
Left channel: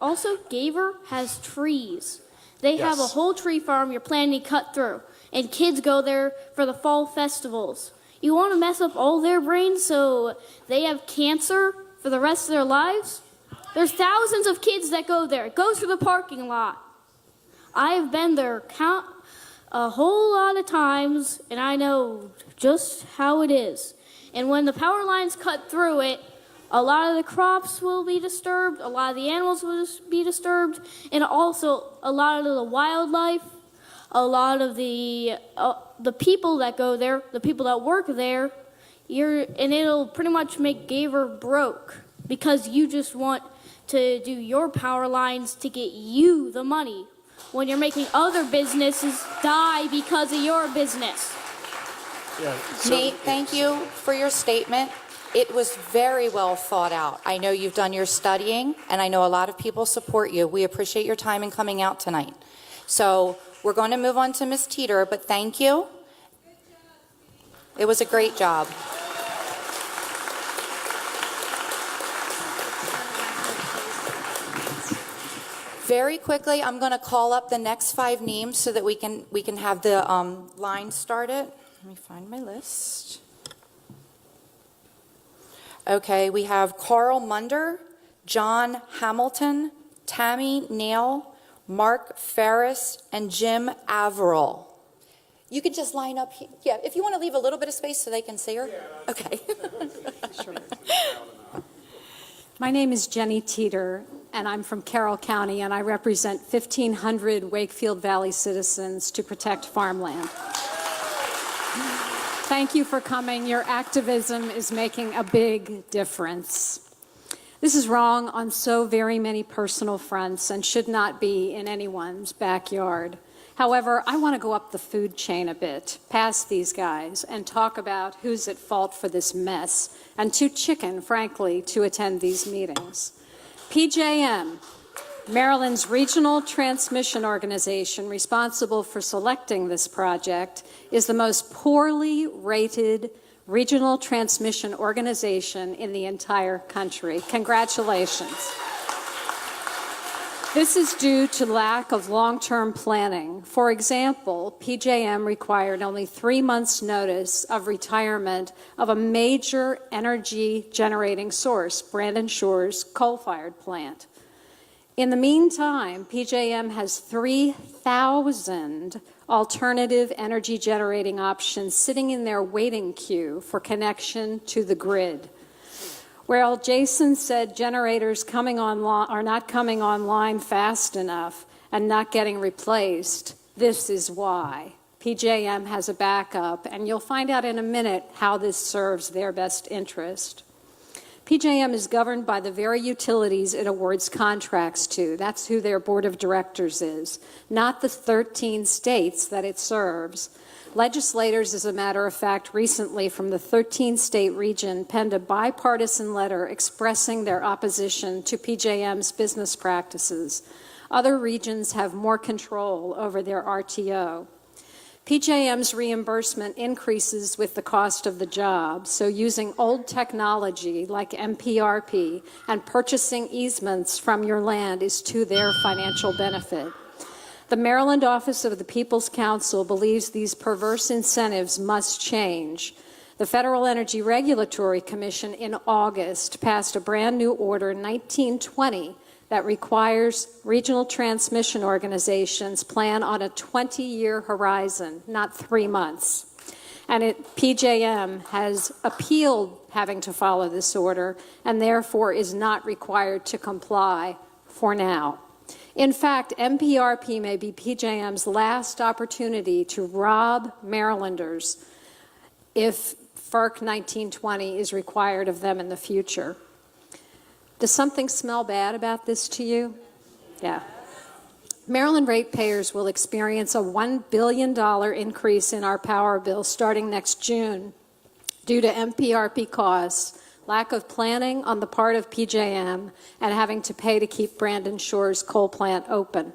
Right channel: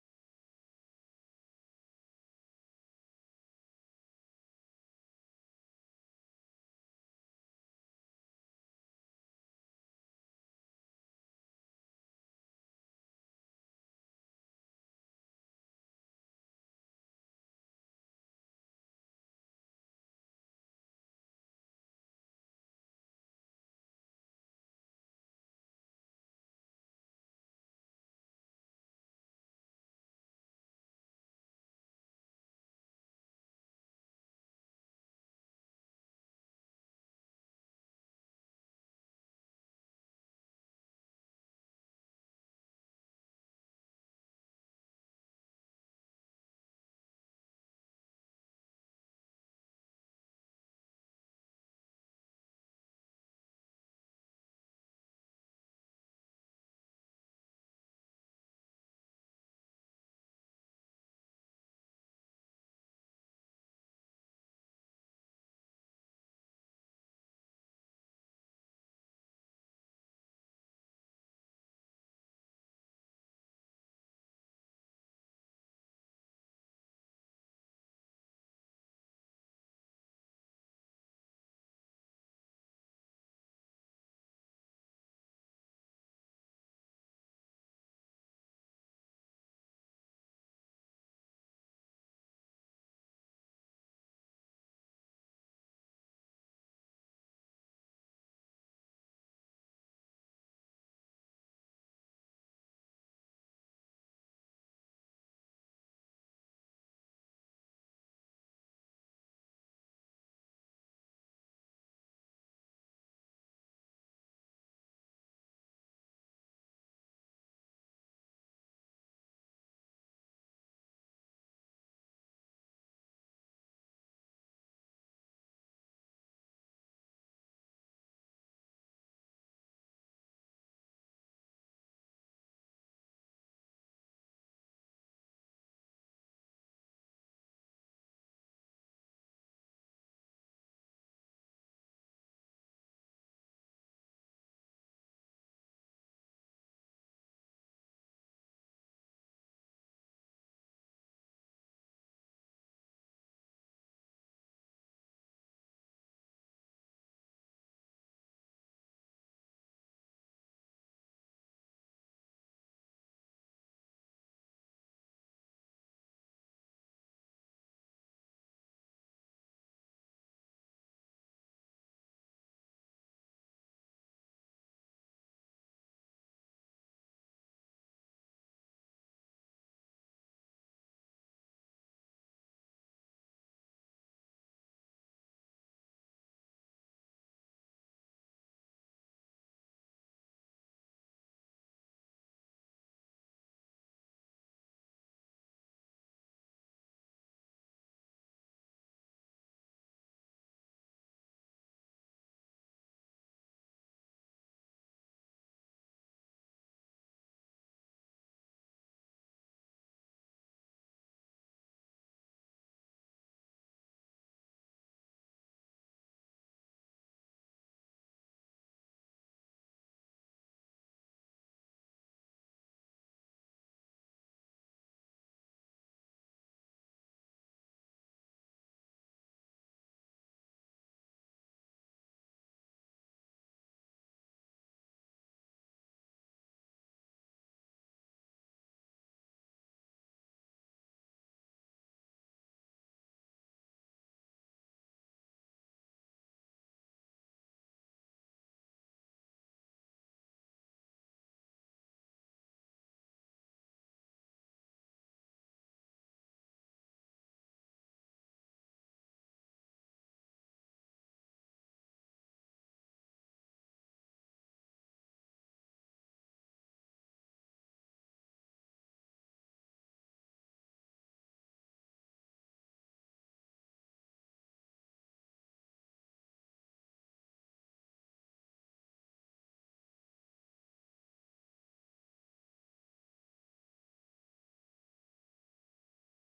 Also, Gaver has trees. They have a Yes. whole tree farm you're planning to cut through, and kids go there for the fall festivals. You want to mess up all their brains so they have cancer for the rest of their lives? There's thousands of kids that go there. Go through the parking lot. I have been there a whole lot of times, and I know just how it is. And when the power lines cut through it, a lot of the crops will be disturbed, a lot of the animals will be disturbed, and also a lot of the wildlife, a lot of the people that go there, the people that work there, and it'll pretty much make Gaver broke because you just want to do your power lines to get you the money when you're making other businesses die because of your business. Yeah, Nate, thank you for your statement. It was very well thought out. I know you've done your studying, and I know a lot of people support you. We appreciate your time in coming out tonight. So we're going to move on to Ms. Teeter, but thank you. It was a great job. Very quickly, I'm going to call up the next 5 names so that we can have the line started. Let me find my list. Okay, we have Carl Munder, John Hamilton, Tammy Nail, Mark Ferris, and Jim Averill. You could just line up here. Yeah, if you want to leave a little bit of space so they can see her. Okay. My name is Jenny Teeter, and I'm from Carroll County, and I represent 1,500 Wakefield Valley citizens to protect farmland. Thank you for coming. Your activism is making a big difference. This is wrong on so very many personal fronts and should not be in anyone's backyard. However, I want to go up the food chain a bit, past these guys, and talk about who's at fault for this mess, and too chicken, frankly, to attend these meetings. PJM, Maryland's regional transmission organization responsible for selecting this project, is the most poorly rated regional transmission organization in the entire country. Congratulations. This is due to lack of long-term planning. For example, PJM required only 3 months' notice of retirement of a major energy generating source, Brandon Shore's coal-fired plant. In the meantime, PJM has 3,000 alternative energy generating options sitting in their waiting queue for connection to the grid. Well, Jason said generators are not coming online fast enough and not getting replaced. This is why. PJM has a backup, and you'll find out in a minute how this serves their best interest. PJM is governed by the very utilities it awards contracts to. That's who their board of directors is, not the 13 states that it serves. Legislators, as a matter of fact, recently from the 13-state region penned a bipartisan letter expressing their opposition to PJM's business practices. Other regions have more control over their RTO. PJM's reimbursement increases with the cost of the job, so using old technology like MPRP and purchasing easements from your land is to their financial benefit. The Maryland Office of the People's Counsel believes these perverse incentives must change. The Federal Energy Regulatory Commission in August passed a brand new order 1920 that requires regional transmission organizations plan on a 20-year horizon, not 3 months. And PJM has appealed having to follow this order and therefore is not required to comply for now. In fact, MPRP may be PJM's last opportunity to rob Marylanders if FERC 1920 is required of them in the future. Does something smell bad about this to you? Yeah. Maryland ratepayers will experience a $1 billion increase in our power bill starting next June. due to MPRP costs, lack of planning on the part of PJM, and having to pay to keep Brandon Shore's coal plant open.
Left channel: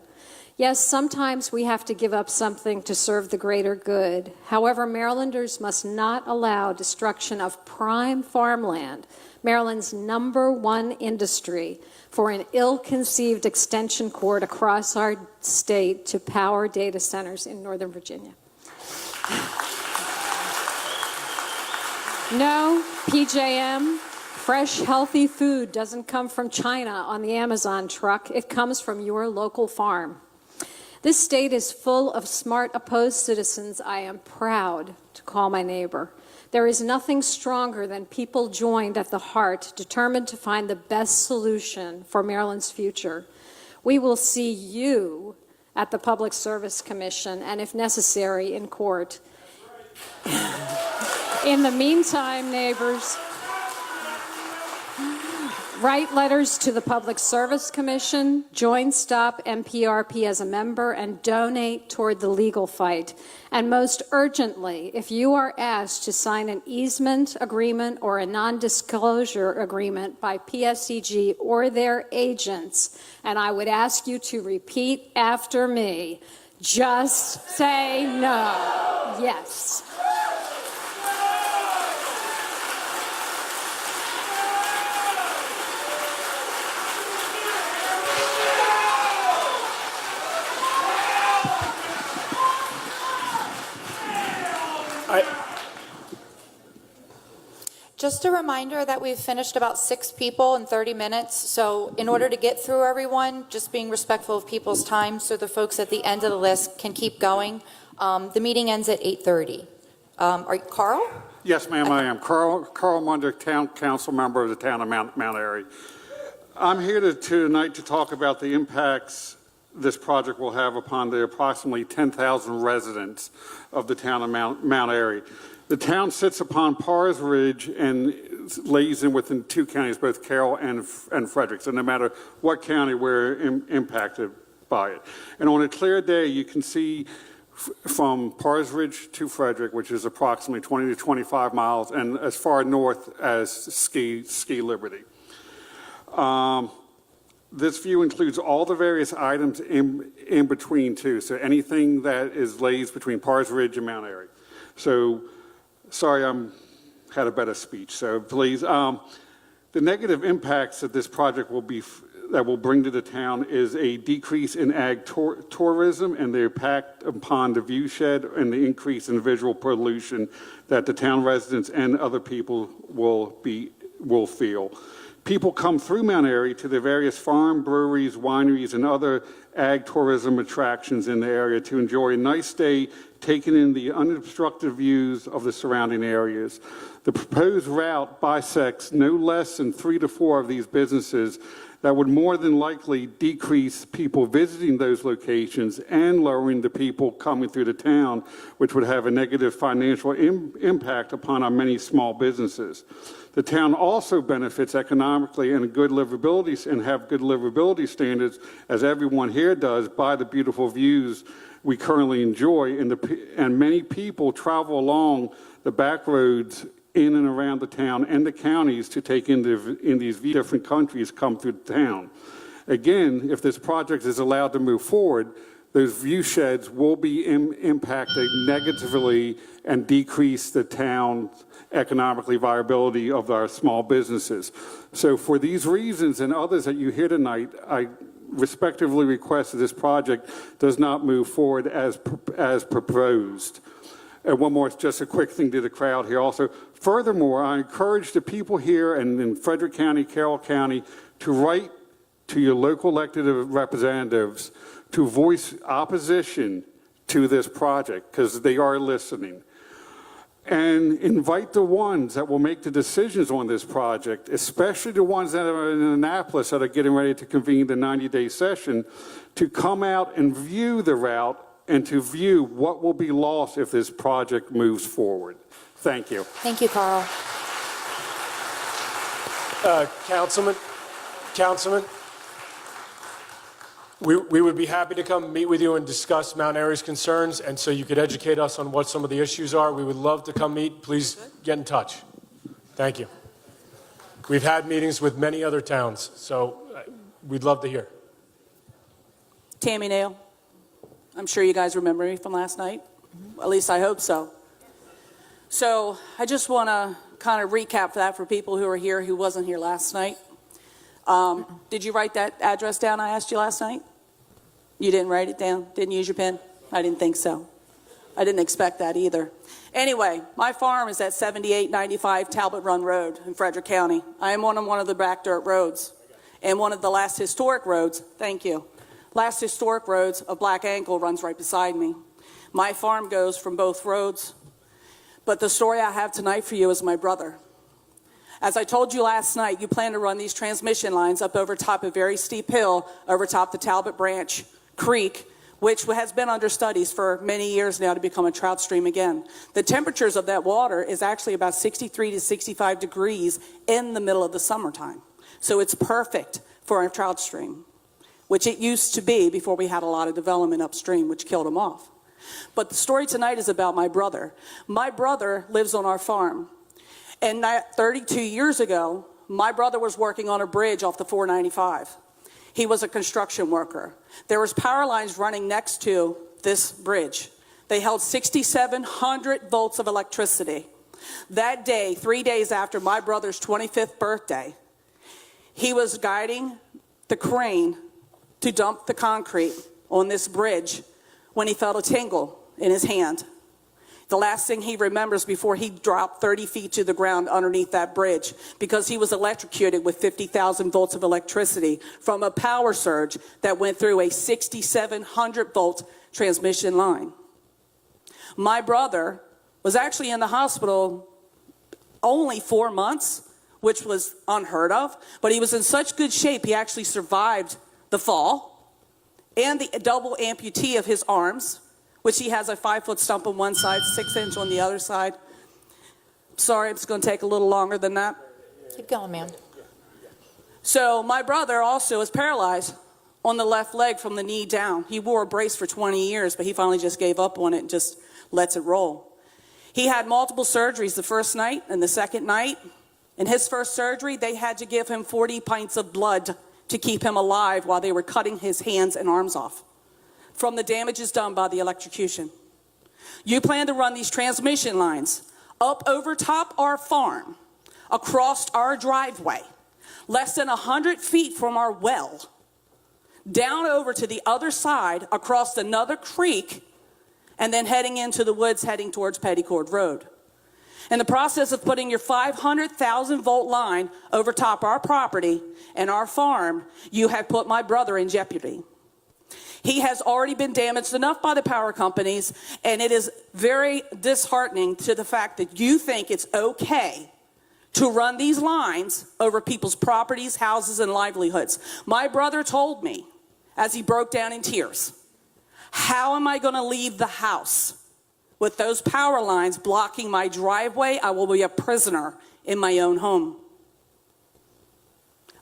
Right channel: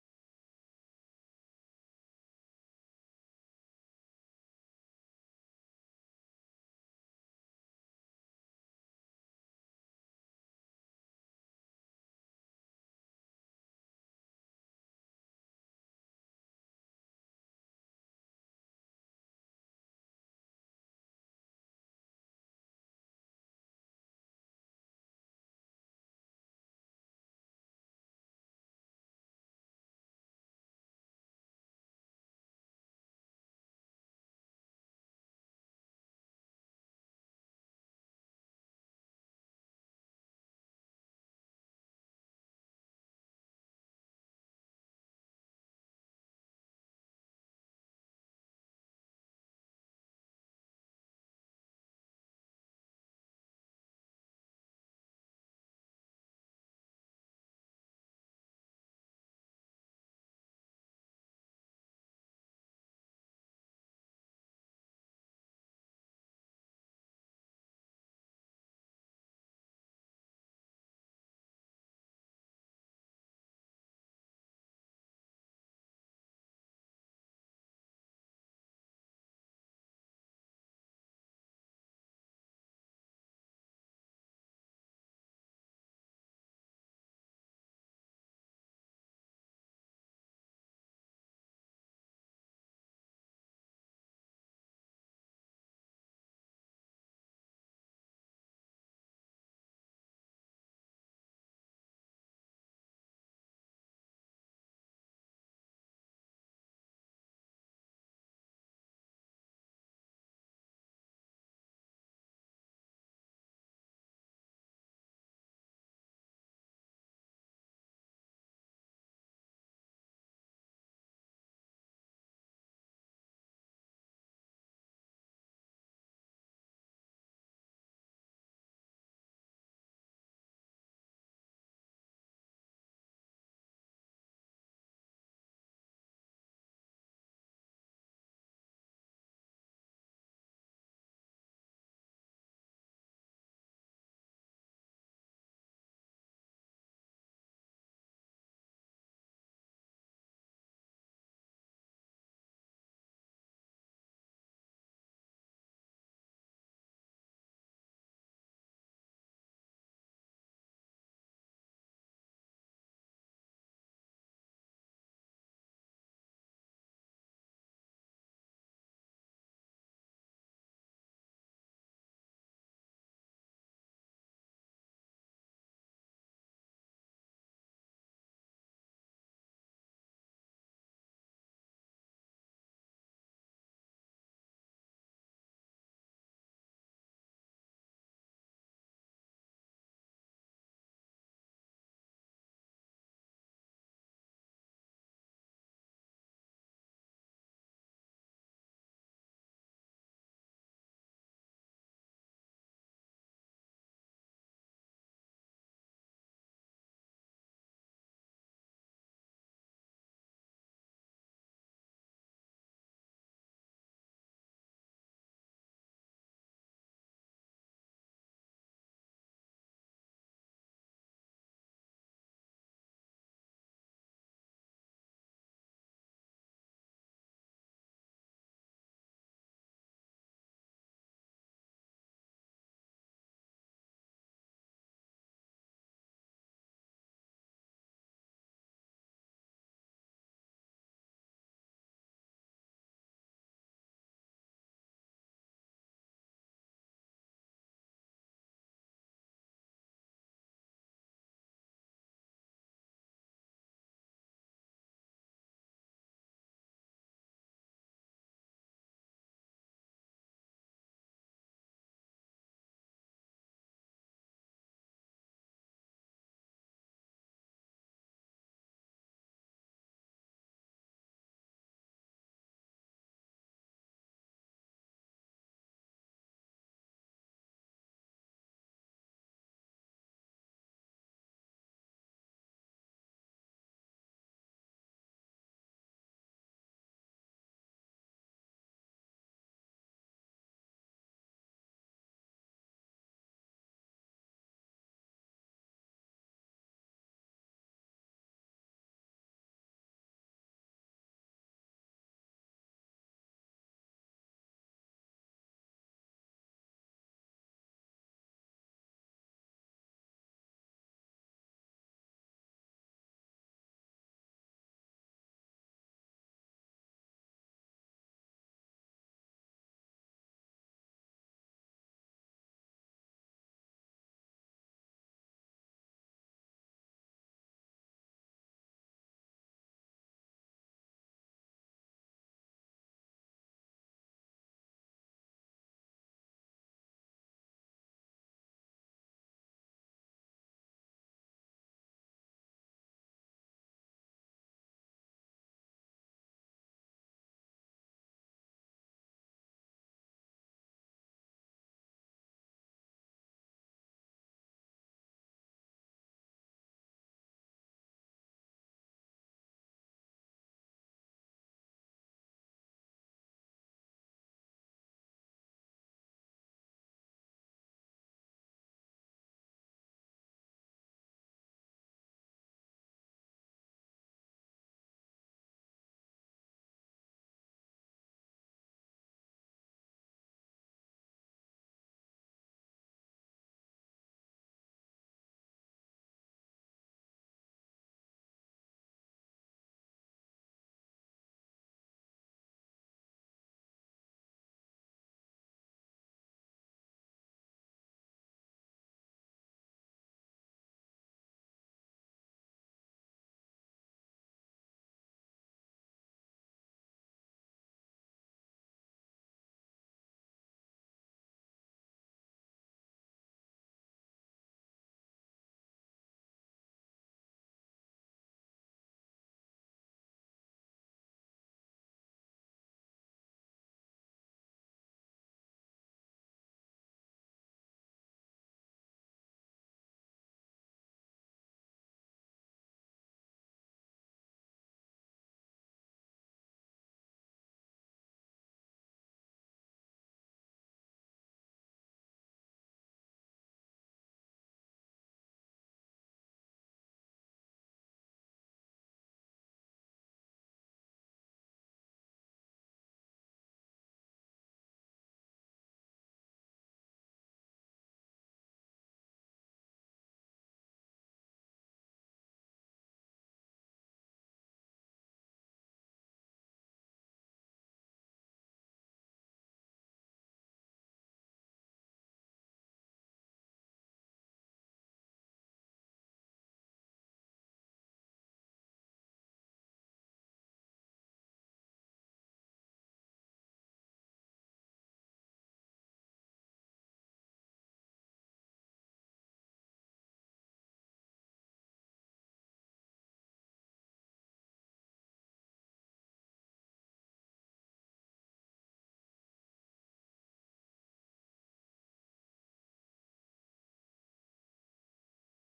Yes, sometimes we have to give up something to serve the greater good. However, Marylanders must not allow destruction of prime farmland, Maryland's #1 industry, for an ill-conceived extension cord across our state to power data centers in Northern Virginia. No, PJM, fresh, healthy food doesn't come from China on the Amazon truck. It comes from your local farm. This state is full of smart, opposed citizens I am proud to call my neighbor. There is nothing stronger than people joined at the heart, determined to find the best solution for Maryland's future. We will see you at the Public Service Commission and, if necessary, in court. In the meantime, neighbors, write letters to the Public Service Commission, join Stop MPRP as a member, and donate toward the legal fight. And most urgently, if you are asked to sign an easement agreement or a non-disclosure agreement by PSEG or their agents, and I would ask you to repeat after me, just say no. Yes. Just a reminder that we've finished about 6 people in 30 minutes. So in order to get through everyone, just being respectful of people's time so the folks at the end of the list can keep going. The meeting ends at 8:30. Are you Carl? Yes, ma'am, I am. Carl Munder, Town Council member of the town of Mount Airy. I'm here tonight to talk about the impacts this project will have upon the approximately 10,000 residents of the town of Mount Airy. The town sits upon Pars Ridge and lays in within 2 counties, both Carroll and Frederick. So no matter what county, we're impacted by it. And on a clear day, you can see from Pars Ridge to Frederick, which is approximately 20 to 25 miles, and as far north as Ski Liberty. This view includes all the various items in between, too. So anything that lays between Pars Ridge and Mount Airy. So, sorry, I had a better speech, so please. The negative impacts that this project will bring to the town is a decrease in ag tourism and the impact upon the viewshed and the increase in visual pollution that the town residents and other people will feel. People come through Mount Airy to the various farm, breweries, wineries, and other ag tourism attractions in the area to enjoy a nice day taking in the unobstructed views of the surrounding areas. The proposed route bisects no less than 3 to 4 of these businesses that would more than likely decrease people visiting those locations and lowering the people coming through the town, which would have a negative financial impact upon our many small businesses. The town also benefits economically and have good livability standards, as everyone here does, by the beautiful views we currently enjoy, and many people travel along the back roads in and around the town and the counties to take in these different countries come through the town. Again, if this project is allowed to move forward, those view sheds will be impacted negatively and decrease the town's economically viability of our small businesses. So for these reasons and others that you hear tonight, I respectively request that this project does not move forward as proposed. And one more, just a quick thing to the crowd here also. Furthermore, I encourage the people here and in Frederick County, Carroll County, to write to your local elected representatives to voice opposition to this project, because they are listening. And invite the ones that will make the decisions on this project, especially the ones that are in Annapolis that are getting ready to convene the 90-day session, to come out and view the route and to view what will be lost if this project moves forward. Thank you. Thank you, Carl. Councilman, We would be happy to come meet with you and discuss Mount Airy's concerns, and so you could educate us on what some of the issues are. We would love to come meet. Please get in touch. Thank you. We've had meetings with many other towns, so we'd love to hear. Tammy Nail. I'm sure you guys remember me from last night. At least I hope so. So I just want to kind of recap that for people who are here who wasn't here last night. Did you write that address down I asked you last night? You didn't write it down? Didn't use your pen? I didn't think so. I didn't expect that either. Anyway, my farm is at 7895 Talbot Run Road in Frederick County. I am on one of the back dirt roads and one of the last historic roads. Thank you. Last historic roads of Black Ankle runs right beside me. My farm goes from both roads. But the story I have tonight for you is my brother. As I told you last night, you plan to run these transmission lines up over top a very steep hill, over top the Talbot Branch Creek, which has been under studies for many years now to become a trout stream again. The temperatures of that water is actually about 63 to 65 degrees in the middle of the summertime. So it's perfect for a trout stream, which it used to be before we had a lot of development upstream, which killed them off. But the story tonight is about my brother. My brother lives on our farm. And 32 years ago, my brother was working on a bridge off the 495. He was a construction worker. There was power lines running next to this bridge. They held 6,700 volts of electricity. That day, 3 days after my brother's 25th birthday, he was guiding the crane to dump the concrete on this bridge when he felt a tingle in his hand. The last thing he remembers before he dropped 30 feet to the ground underneath that bridge, because he was electrocuted with 50,000 volts of electricity from a power surge that went through a 6,700 volt transmission line. My brother was actually in the hospital only 4 months, which was unheard of, but he was in such good shape he actually survived the fall and the double amputee of his arms, which he has a 5-foot stump on one side, 6-inch on the other side. Sorry, it's going to take a little longer than that. Keep going, ma'am. So my brother also is paralyzed on the left leg from the knee down. He wore a brace for 20 years, but he finally just gave up on it and just lets it roll. He had multiple surgeries the first night and the second night. In his first surgery, they had to give him 40 pints of blood to keep him alive while they were cutting his hands and arms off from the damages done by the electrocution. You plan to run these transmission lines up over top our farm, across our driveway, less than 100 feet from our well, down over to the other side, across another creek, and then heading into the woods, heading towards Petticord Road. In the process of putting your 500,000 volt line over top our property and our farm, you have put my brother in jeopardy. He has already been damaged enough by the power companies, and it is very disheartening to the fact that you think it's okay to run these lines over people's properties, houses, and livelihoods. My brother told me, as he broke down in tears, how am I going to leave the house with those power lines blocking my driveway? I will be a prisoner in my own home.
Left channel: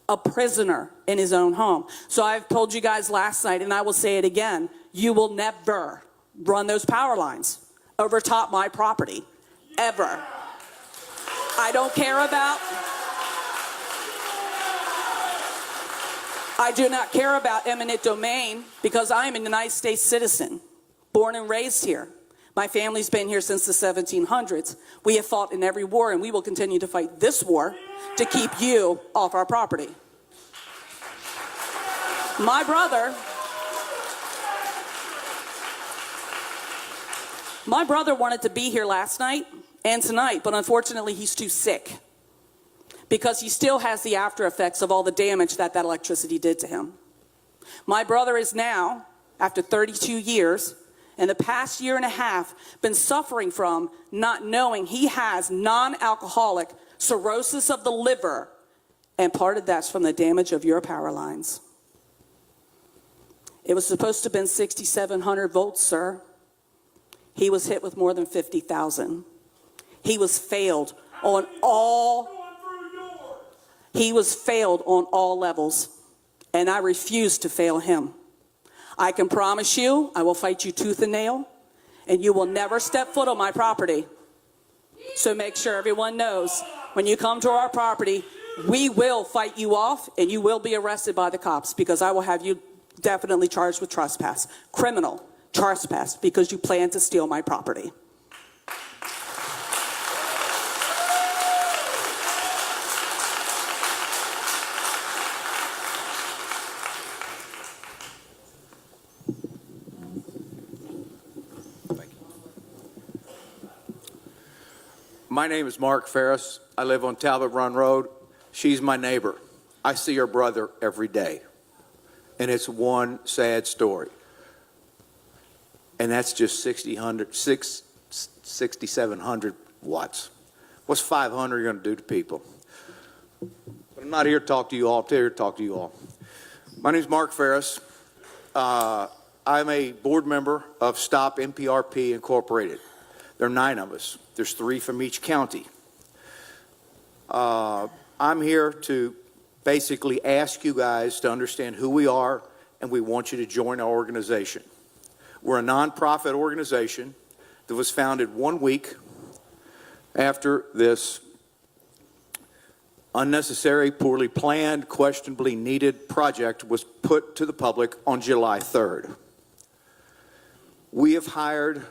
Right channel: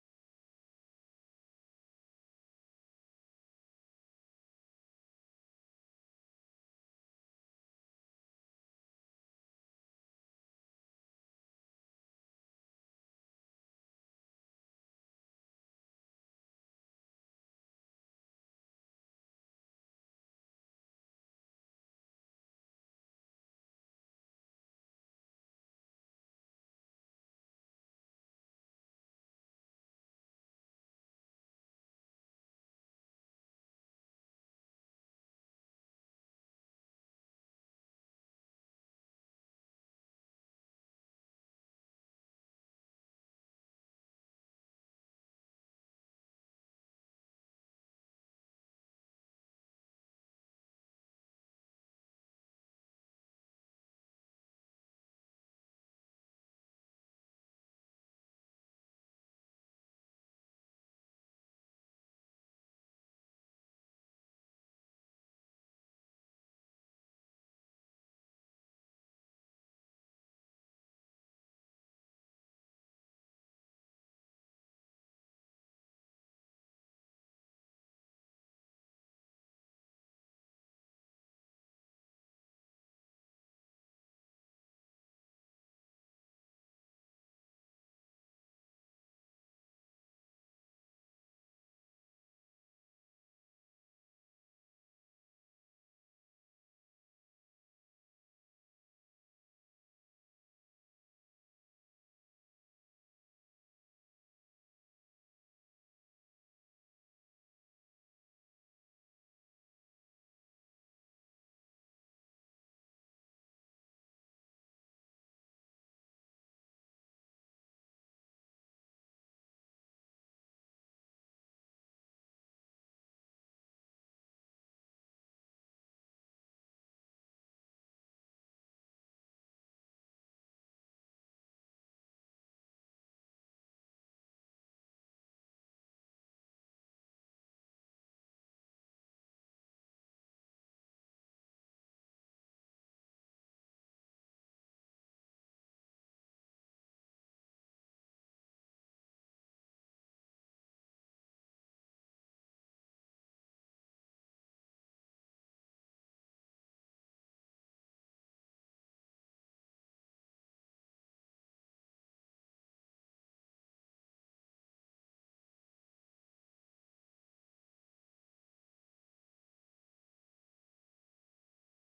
A prisoner in his own home. So I've told you guys last night, and I will say it again, you will never run those power lines over top my property, ever. I do not care about eminent domain, because I am a United States citizen, born and raised here. My family's been here since the 1700s. We have fought in every war, and we will continue to fight this war to keep you off our property. My brother wanted to be here last night and tonight, but unfortunately he's too sick because he still has the after effects of all the damage that electricity did to him. My brother is now, after 32 years, in the past year and a half, been suffering from not knowing he has non-alcoholic cirrhosis of the liver, and part of that's from the damage of your power lines. It was supposed to have been 6,700 volts, sir. He was hit with more than 50,000. He was failed on all levels, and I refuse to fail him. I can promise you I will fight you tooth and nail, and you will never step foot on my property. So make sure everyone knows, when you come to our property, we will fight you off, and you will be arrested by the cops, because I will have you definitely charged with trespass, criminal trespass, because you plan to steal my property. My name is Mark Ferris. I live on Talbot Run Road. She's my neighbor. I see her brother every day. And it's one sad story. And that's just 6,700 watts. What's 500 going to do to people? But I'm not here to talk to you all. I'm here to talk to you all. My name is Mark Ferris. I'm a board member of Stop NPRP Incorporated. There are 9 of us. There's 3 from each county. I'm here to basically ask you guys to understand who we are, and we want you to join our organization. We're a nonprofit organization that was founded 1 week after this unnecessary, poorly planned, questionably needed project was put to the public on July 3rd. We have hired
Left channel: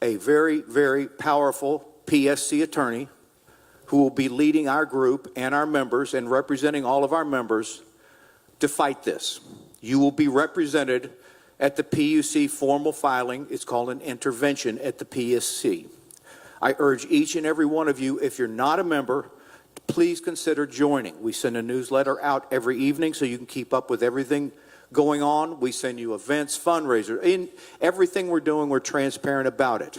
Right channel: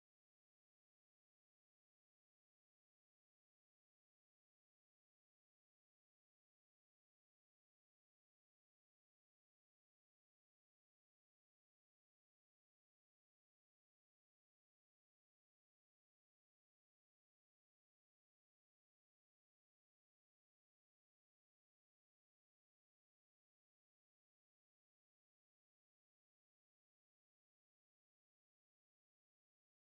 a very, very powerful PSC attorney who will be leading our group and our members and representing all of our members to fight this. You will be represented at the PUC formal filing. It's called an intervention at the PSC. I urge each and every one of you, if you're not a member, please consider joining. We send a newsletter out every evening so you can keep up with everything going on. We send you events, fundraisers. In everything we're doing, we're transparent about it.